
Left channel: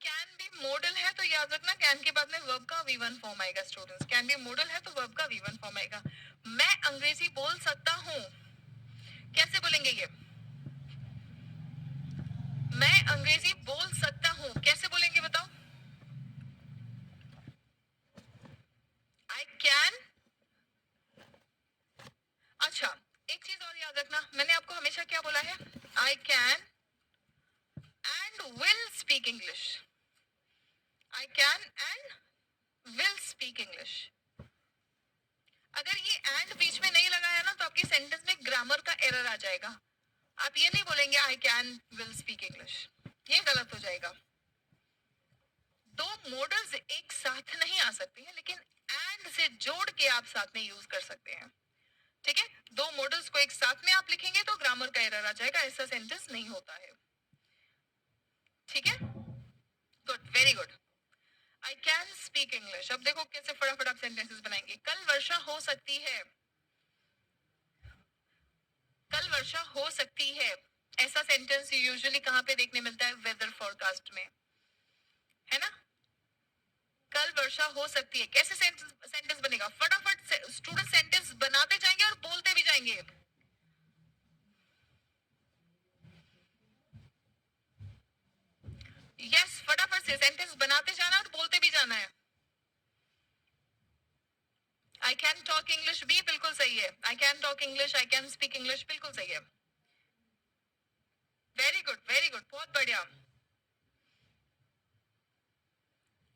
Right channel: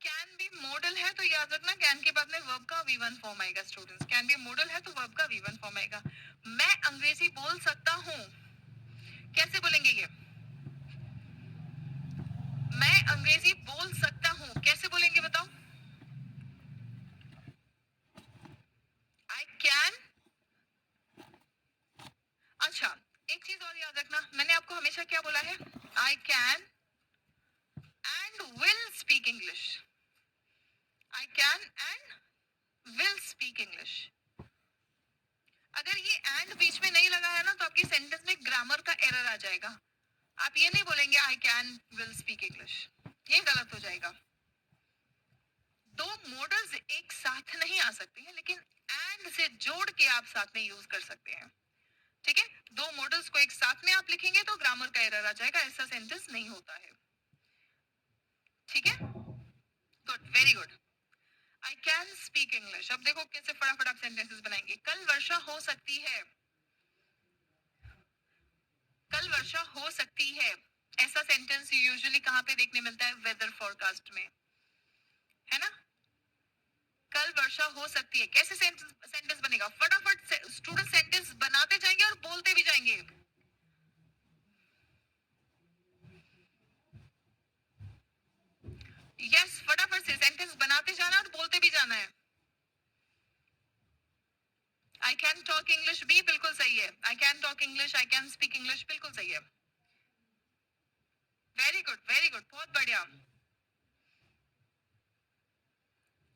कैन बी मॉडल है तो याद रखना कैन के बाद में वर्ब का V1 फॉर्म आएगा। स्टूडेंट्स, कैन बी मॉडल है तो वर्ब का V1 फॉर्म आएगा। मैं अंग्रेजी बोल सकता हूँ, कैसे बोलेंगे ये? मैं अंग्रेजी बोल सकता हूँ, कैसे बोलेंगे बताओ? आई कैन मैंने आपको हमेशा क्या बोला है? I can and will speak English. I can and will speak English. अगर ये एंड बीच में नहीं लगा है ना तो आपकी सेंटेंस में ग्रामर का एरर आ जाएगा. आप ये नहीं बोलेंगे I can will speak English, ये गलत हो जाएगा. दो मॉडल्स एक साथ नहीं आ सकती हैं, लेकिन एंड से जोड़ के आप साथ में यूज कर सकते हैं. ठीक है, दो मॉडल्स को एक साथ में आप लिखेंगे तो ग्रामर का एरर आ जाएगा, ऐसा सेंटेंस नहीं होता है. ठीक है, good, very good. I can speak English. अब देखो कैसे फटाफट आप सेंटेंसेस बनाएंगे. कल वर्षा हो सकती है. कल वर्षा हो सकती है, ऐसा सेंटेंस यूजुअली कहां पे देखने मिलता है? वेदर फोरकास्ट में, है ना. कल वर्षा हो सकती है. कैसे सेंटेंस बनेगा? फटाफट स्टूडेंट सेंटेंस बनाते जाएंगे और बोलते भी जाएंगे. यस, फटाफट से सेंटेंस बनाते जाना और बोलते भी जाना है. आई कैन टॉक इंग्लिश भी बिल्कुल सही है. I can talk English, I can speak English बिल्कुल सही है. वेरी गुड, वेरी गुड, बहुत बढ़िया.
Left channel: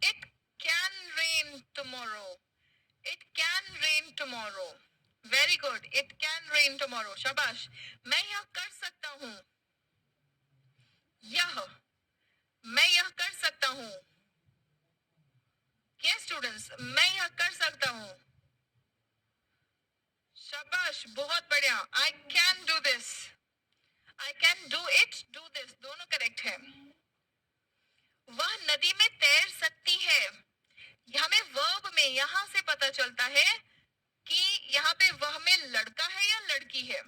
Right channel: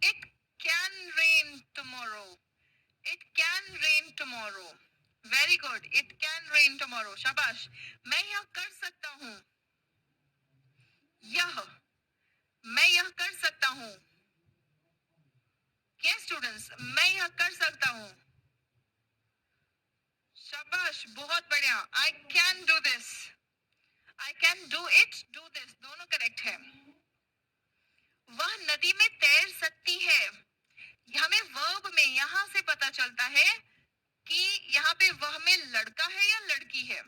It can rain tomorrow. It can rain tomorrow. Very good. It can rain tomorrow. शाबाश. मैं यह कर सकता हूं. यह, मैं यह कर सकता हूं. यस स्टूडेंट्स, मैं यह कर सकता हूं. शाबाश, बहुत बढ़िया. I can do this. I can do it, do this, दोनों करेक्ट है. वह नदी में तैर सकती है. हमें वर्ब में यहां से पता चलता है कि यहाँ पे वह में लड़का है या लड़की है.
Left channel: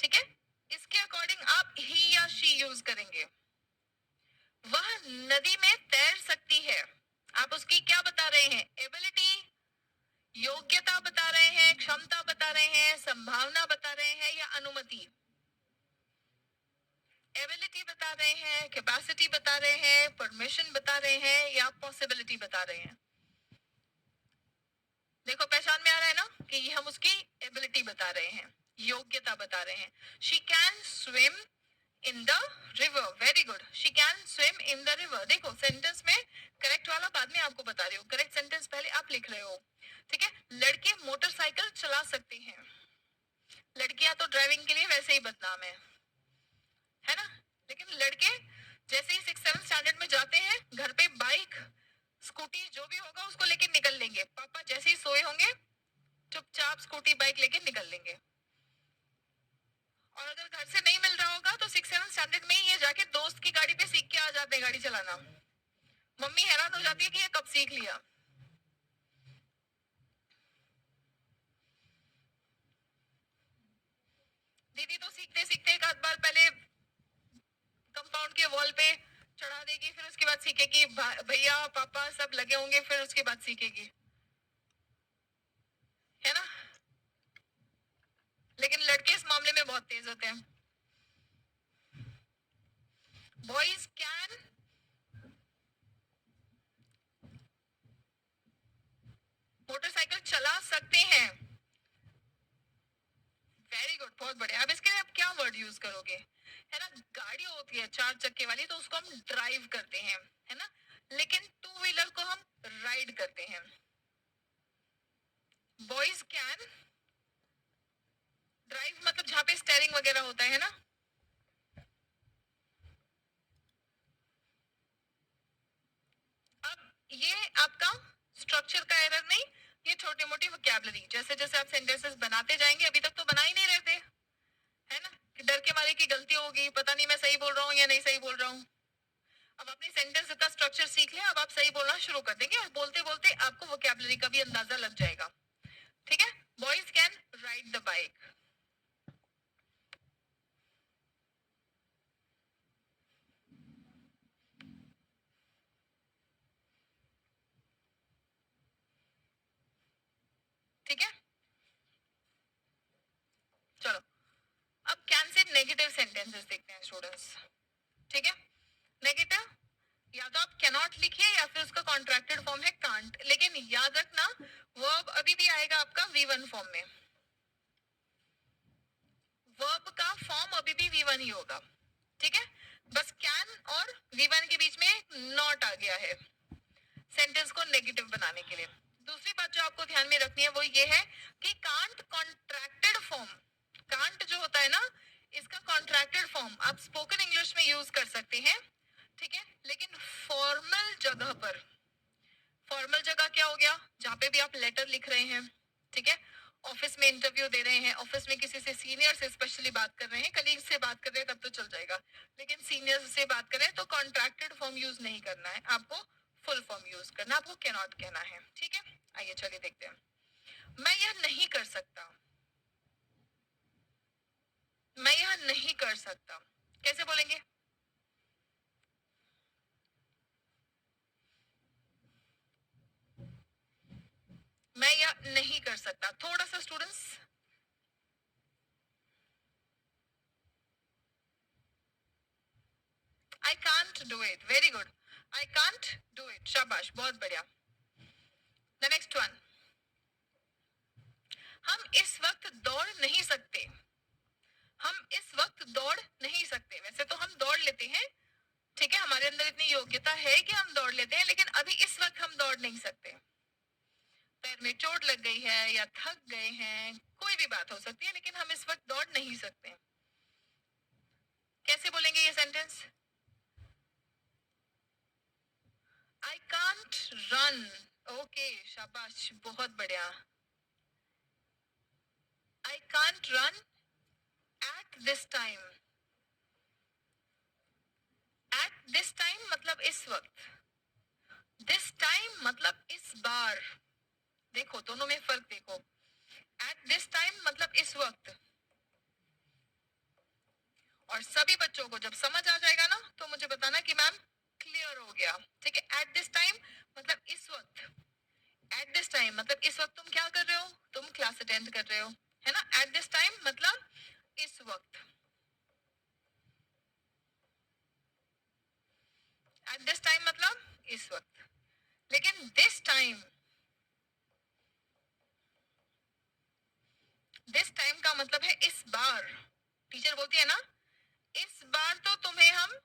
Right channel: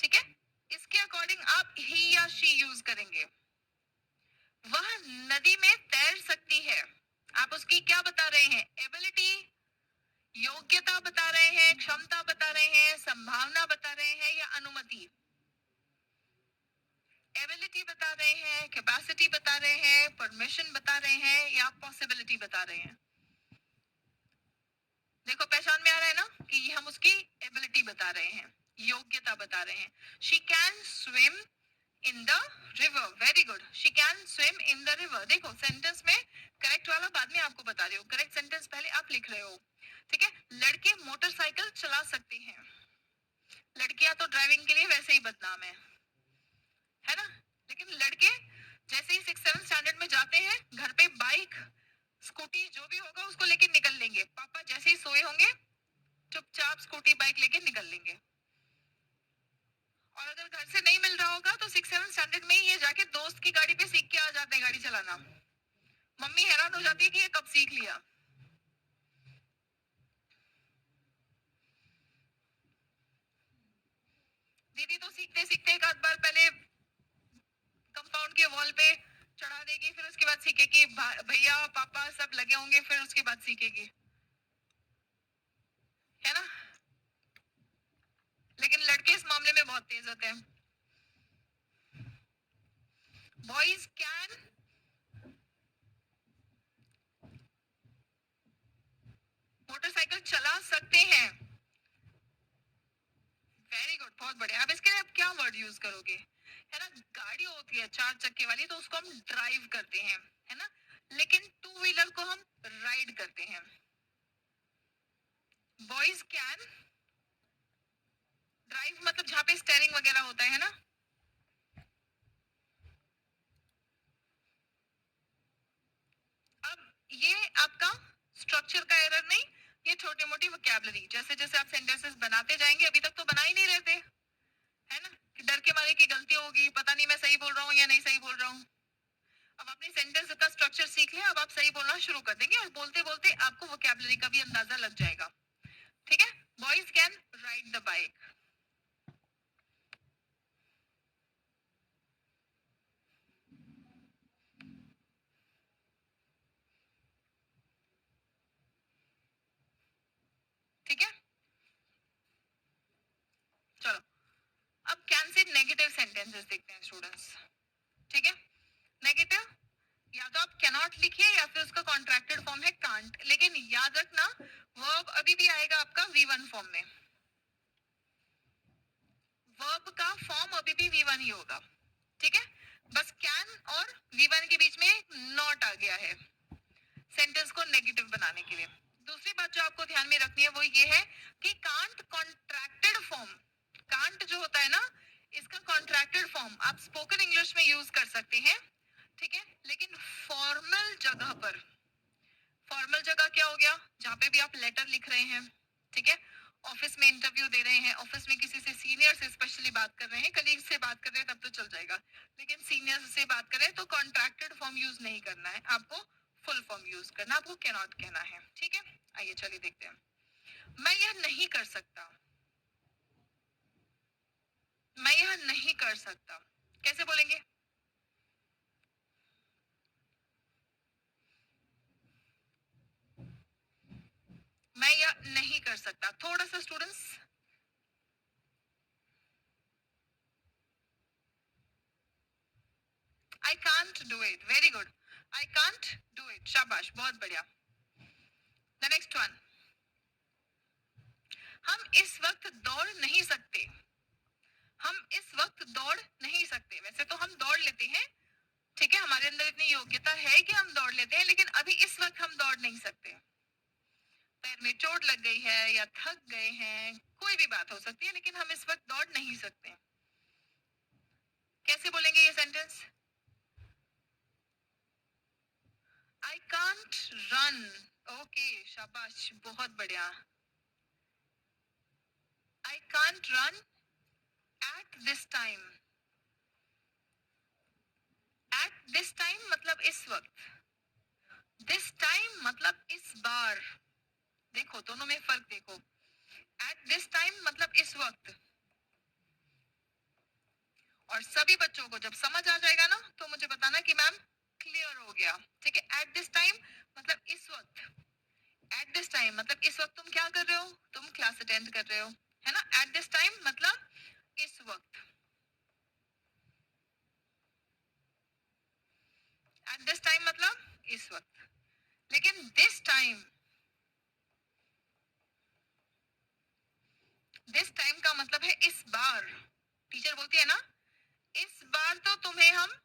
ठीक है, इसके अकॉर्डिंग आप ही या शी यूज करेंगे. वह नदी में तैर सकती है. आप उसकी क्या बता रहे हैं? एबिलिटी, योग्यता बता रहे हैं, क्षमता बता रहे हैं, संभावना बता रहे हैं या अनुमति? एबिलिटी बता रहे हैं, कैपेसिटी बता रहे हैं, परमिशन बता रहे हैं या पॉसिबिलिटी बता रहे हैं? देखो पहचान में आ रहा है ना कि हम उसकी एबिलिटी बता रहे हैं, योग्यता बता रहे हैं. She can swim in the river. Very good. She can swim in the river. देखो सेंटेंस में करेक्ट वाला बाद में आपको बता रही हूँ, करेक्ट सेंटेंस पहले आप लिख रहे हो. ठीक है, लड़के मोटरसाइकिल चला सकते हैं. लड़कियां तो ड्राइविंग के लिए वैसे ही बदनाम है ना. लेकिन लड़के जैसे ही 6-7 स्टैंडर्ड में जाते हैं, घर पे बाइक, स्कूटी जो भी होगा उसको लेके निकल लेंगे. पापा जैसे ही सोए होंगे चुपचाप स्कूटी बाइक लेके निकल लेंगे. और अगर घर से नहीं मिल रहा होगा तो 6-7 स्टैंडर्ड में ही ये जाके दोस्त की गाड़ी पे सीख के आ जाते हैं गाड़ी चलाना. मम्मी हैरान हो जाती है कि ये कब सीख लिया. दीदी तो सीखते सीखते एक आध बार पहले कंपाउंड के वॉल पे चढ़ा देगी, फिर उसके बाद सीखेगी. भैया पापा सब लगे होंगे, फिर उसके बाद सीखेगी, है ना. लेकिन लड़के इस मामले में बहुत तेज होते हैं. बॉयज कैन मोटरसाइकिल चला सकते हैं. वेरी गुड, बहुत बढ़िया. अब इसके लिए आप क्या वर्ड यूज करोगे? है ना, गाड़ी होती है 4 चक्के वाली तो उसको हम ड्राइव करते हैं, है ना. लेकिन 2 व्हीलर को हम राइड करते हैं. बॉयज कैन ड्राइव मतलब जहां पे स्टेयरिंग वगैरह होता है ना. अब ये आपका स्ट्रक्चर का एरर नहीं, ये छोटी मोटी वोकैबुलरी. जैसे जैसे आप सेंटेंसेस बनाते जाएंगे, अभी तक तो बना ही नहीं रहते, है ना, कि डर के मारे की गलती होगी, पता नहीं मैं सही बोल रहा हूँ या नहीं सही बोल रहा हूँ. अब अपनी सेंटेंस का स्ट्रक्चर सीख लें, अब आप सही बोलना शुरू कर देंगे और बोलते बोलते आपको वोकैबुलरी का भी अंदाजा लग जाएगा. ठीक है, boys can ride the bike. ठीक है, चलो अब कैन से नेगेटिव सेंटेंसेस देखते हैं स्टूडेंट्स. ठीक है, नेगेटिव या तो आप कैनॉट लिखिए या फिर उसका कॉन्ट्रैक्टेड फॉर्म है कांट. लेकिन याद रखना वर्ब अभी भी आएगा आपका V1 फॉर्म में. वर्ब का फॉर्म अभी भी V1 ही होगा, ठीक है, बस कैन और V1 के बीच में नॉट आ गया है सेंटेंस को नेगेटिव बनाने के लिए। दूसरी बात जो आपको ध्यान में रखनी है वो ये है कि कांट कॉन्ट्रैक्टेड फॉर्म, कांट जो होता है ना, इसका कॉन्ट्रैक्टेड फॉर्म आप स्पोकन इंग्लिश में यूज कर सकते हैं, ठीक है, लेकिन फॉर्मल जगह पर, फॉर्मल जगह क्या हो गया, जहां पे भी आप लेटर लिख रहे हैं, ठीक है, ऑफिस में इंटरव्यू दे रहे हैं, ऑफिस में किसी से सीनियर से स्पेशली बात कर रहे हैं, कलीग से बात कर रहे हैं तब तो चल जाएगा, लेकिन सीनियर से बात कर रहे हैं तो कॉन्ट्रैक्टेड फॉर्म यूज नहीं करना है आपको, फुल फॉर्म यूज करना, आपको कैन नॉट कहना है, ठीक है। आइए चलिए देखते हैं। मैं यह नहीं कर सकता, मैं यह नहीं कर सकता, कैसे बोलेंगे? मैं यह नहीं कर सकता, थोड़ा सा students, I can't do it, very good, I can't do it, शाबाश, बहुत बढ़िया। द नेक्स्ट वन, हम इस वक्त दौड़ नहीं सकते, हम इस वक्त दौड़ नहीं सकते, वैसे तो हम दौड़ लेते हैं, ठीक है, हमारे अंदर इतनी योग्यता है कि हम दौड़ लेते हैं, लेकिन अभी इस वक्त हम दौड़ नहीं सकते, पैर में चोट लग गई है या थक गए हैं, कोई भी बात हो सकती है, लेकिन हम इस वक्त दौड़ नहीं सकते, कैसे बोलेंगे ये sentence? I can't run, okay, शाबाश, बहुत बढ़िया, I can't run at this time, at this time मतलब इस वक्त, दिस टाइम मतलब इस बार, देखो दोनों में फर्क देखो, एट दिस टाइम मतलब इस वक्त, और सभी बच्चों को जब समझ आ जाएगा ना तो मुझे बताना कि मैम क्लियर हो गया, ठीक है। एट दिस टाइम मतलब इस वक्त, एट दिस टाइम मतलब इस वक्त तुम क्या कर रहे हो, तुम क्लास अटेंड कर रहे हो, है ना, एट दिस टाइम मतलब इस वक्त, एट दिस टाइम मतलब इस वक्त, लेकिन दिस टाइम, दिस टाइम का मतलब है इस बार, टीचर बोलती है ना, इस बार तो तुम्हें हम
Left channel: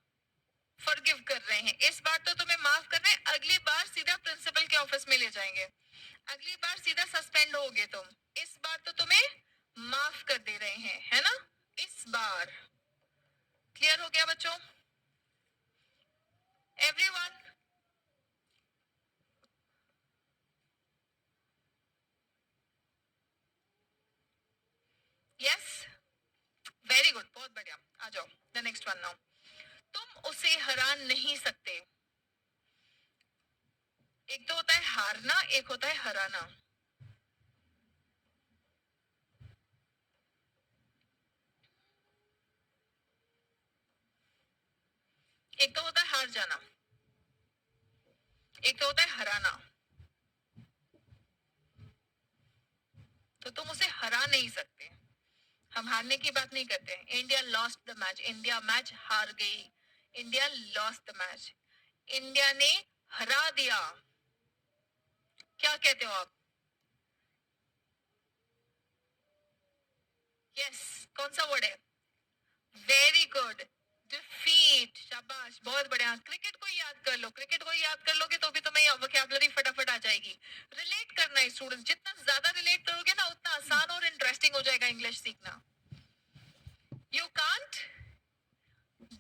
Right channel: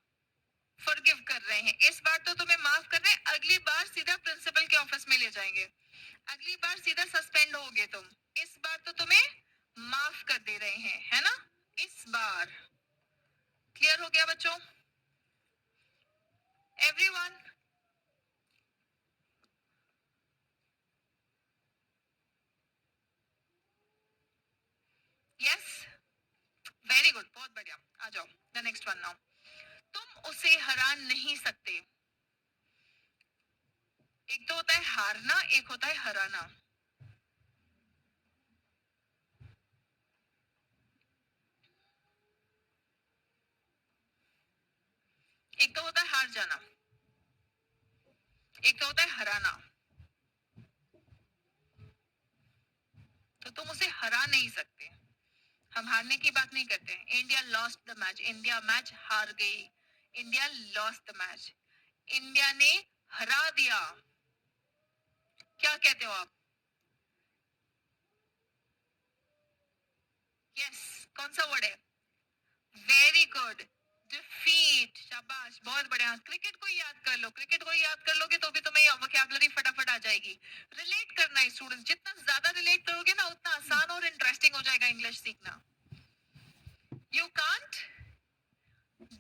फॉरगिव कर रहे हैं, इस बार तो तुम्हें माफ कर रहे हैं, अगली बार सीधा प्रिंसिपल के ऑफिस में ले जाएंगे, अगली बार सीधा सस्पेंड होगे तुम, इस बार तो तुम्हें माफ कर दे रहे हैं, है ना, इस बार, क्लियर हो गया बच्चों? एवरीवन, यस, वेरी गुड, बहुत बढ़िया, आ जाओ द नेक्स्ट वन नाउ, तुम उसे हरा नहीं सकते, एक तो होता है हारना, एक होता है हराना, एक तो होता है हार जाना, एक तो होता है हराना, तो तुम उसे हरा नहीं सकते, हम हारने की बात नहीं करते, India lost the match, India match हार गई, India lost the match, India ने हरा दिया, क्या कहते हो आप? यस, कौन सा वर्ड है? वेरी गुड, डिफीट, शाबाश, बहुत बढ़िया, क्रिकेट को याद कर लो, क्रिकेट को याद कर लोगे तो भी तुम्हें वोकैबुलरी फटाफट आ जाएगी, रिलेट करना है स्टूडेंट, जितना ज्यादा रिलेट करोगे ना उतना आसान और इंटरेस्टिंग हो जाएगा इंग्लिश सीखना। यू कांट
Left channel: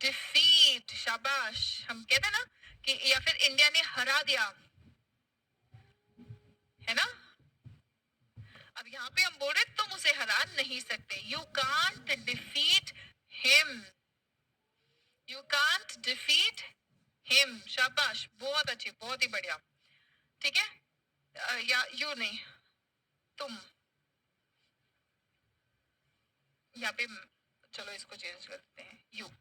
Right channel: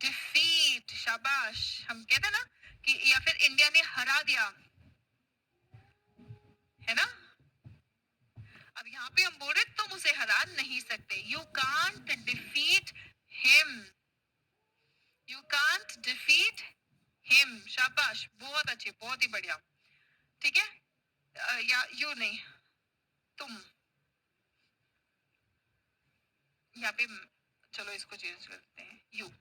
डिफीट, शाबाश, हम कहते हैं ना कि या फिर इंडिया ने हरा दिया, है ना, अब यहाँ पे हम बोल रहे तुम उसे हरा नहीं सकते, you can't defeat him, you can't defeat him, शाबाश, बहुत अच्छे, बहुत ही बढ़िया, ठीक है, या यू नहीं, तुम, यहाँ पे चलो इसको चेंज कर देते हैं, यू,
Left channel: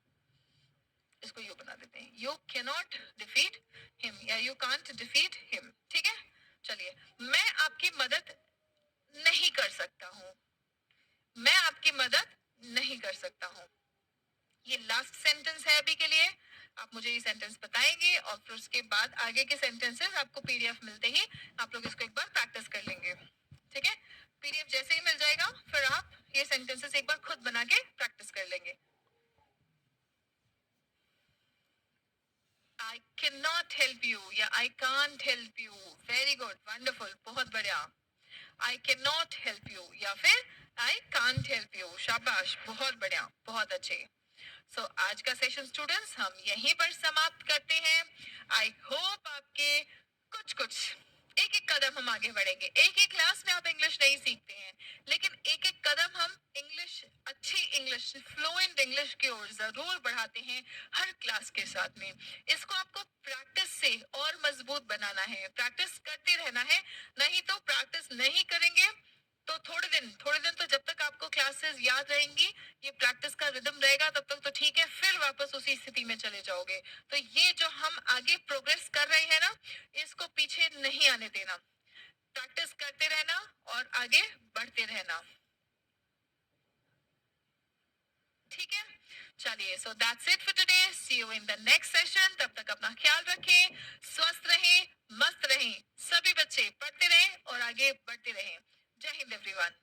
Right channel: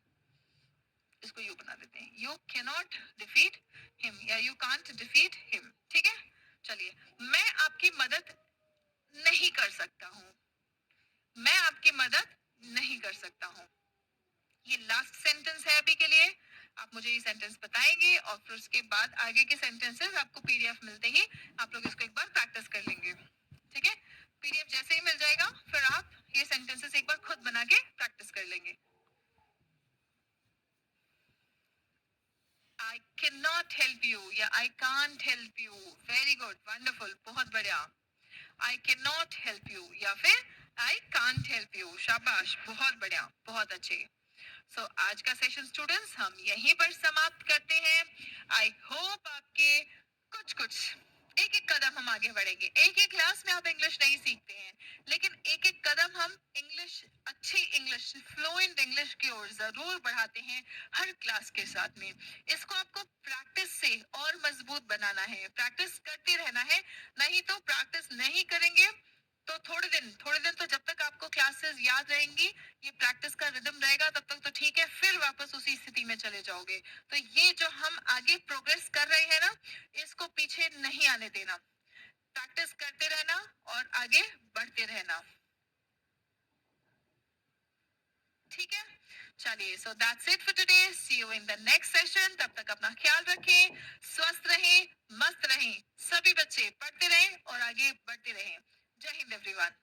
इसको यू बना देते हैं, you can not defeat him या यू कांट डिफीट हिम, ठीक है। चलिए, मैं आपकी मदद नहीं कर सकता हूँ, मैं आपकी मदद नहीं कर सकता हूँ, ये लास्ट सेंटेंस है अभी के लिए, आप मुझे ये सेंटेंस बताएंगे और फिर उसके बाद आगे के सेंटेंसेस आपको पीडीएफ मिलते ही आप लोग इसको एक बार प्रैक्टिस कर लेंगे, ठीक है, पीडीएफ जैसे ही मिल जाएगा फिर आप ये सेंटेंसेस एक बार खुद बना के प्रैक्टिस कर लेंगे. I cannot help you या I can't help you. Very good, wonderful, बहुत बढ़िया. I cannot help you या फिर I can't help you. शाबाश, बहुत बढ़िया, बहुत अच्छे. So आज का सेशन स्टूडेंट्स हम यहीं पर समाप्त करते हैं. आई होप आपके कुछ कुछ एक एक कदम हम आगे बढ़ेंगे. एक एक क्लास में आप इंग्लिश नहीं सीखते हैं, लेकिन एक एक कदम हम इंग्लिश, अच्छी इंग्लिश, फ्लुएंट इंग्लिश की ओर जरूर बढ़ाते हैं हर क्लास के साथ में. इसको आपको प्रैक्टिस से और मजबूत बनाना है, प्रैक्टिस करते रहना है. नहीं तो प्रैक्टिस नहीं करेंगे तो थोड़े दिन तो जब तक आपको क्लासेस याद रहेंगी, ये प्रैक्टिस का रिदम रहेगा, तब तक तो ठीक है, फिर वापस उसी स्थिति में चले जाओगे. तो ये जो हम आगे प्रोग्रेस कर रहे हैं ना, इसको पीछे नहीं आने देना. प्रैक्टिस करते रहना और आगे बढ़ते रहना. ठीक है, चलिए. So that's it for today. See you in the next session. तब तक अपना ख्याल रखें, स्वस्थ रहें, मस्त रहें. सभी बच्चे पढ़ते रहें और आगे बढ़ते रहें. जय हिंद एवरीवन.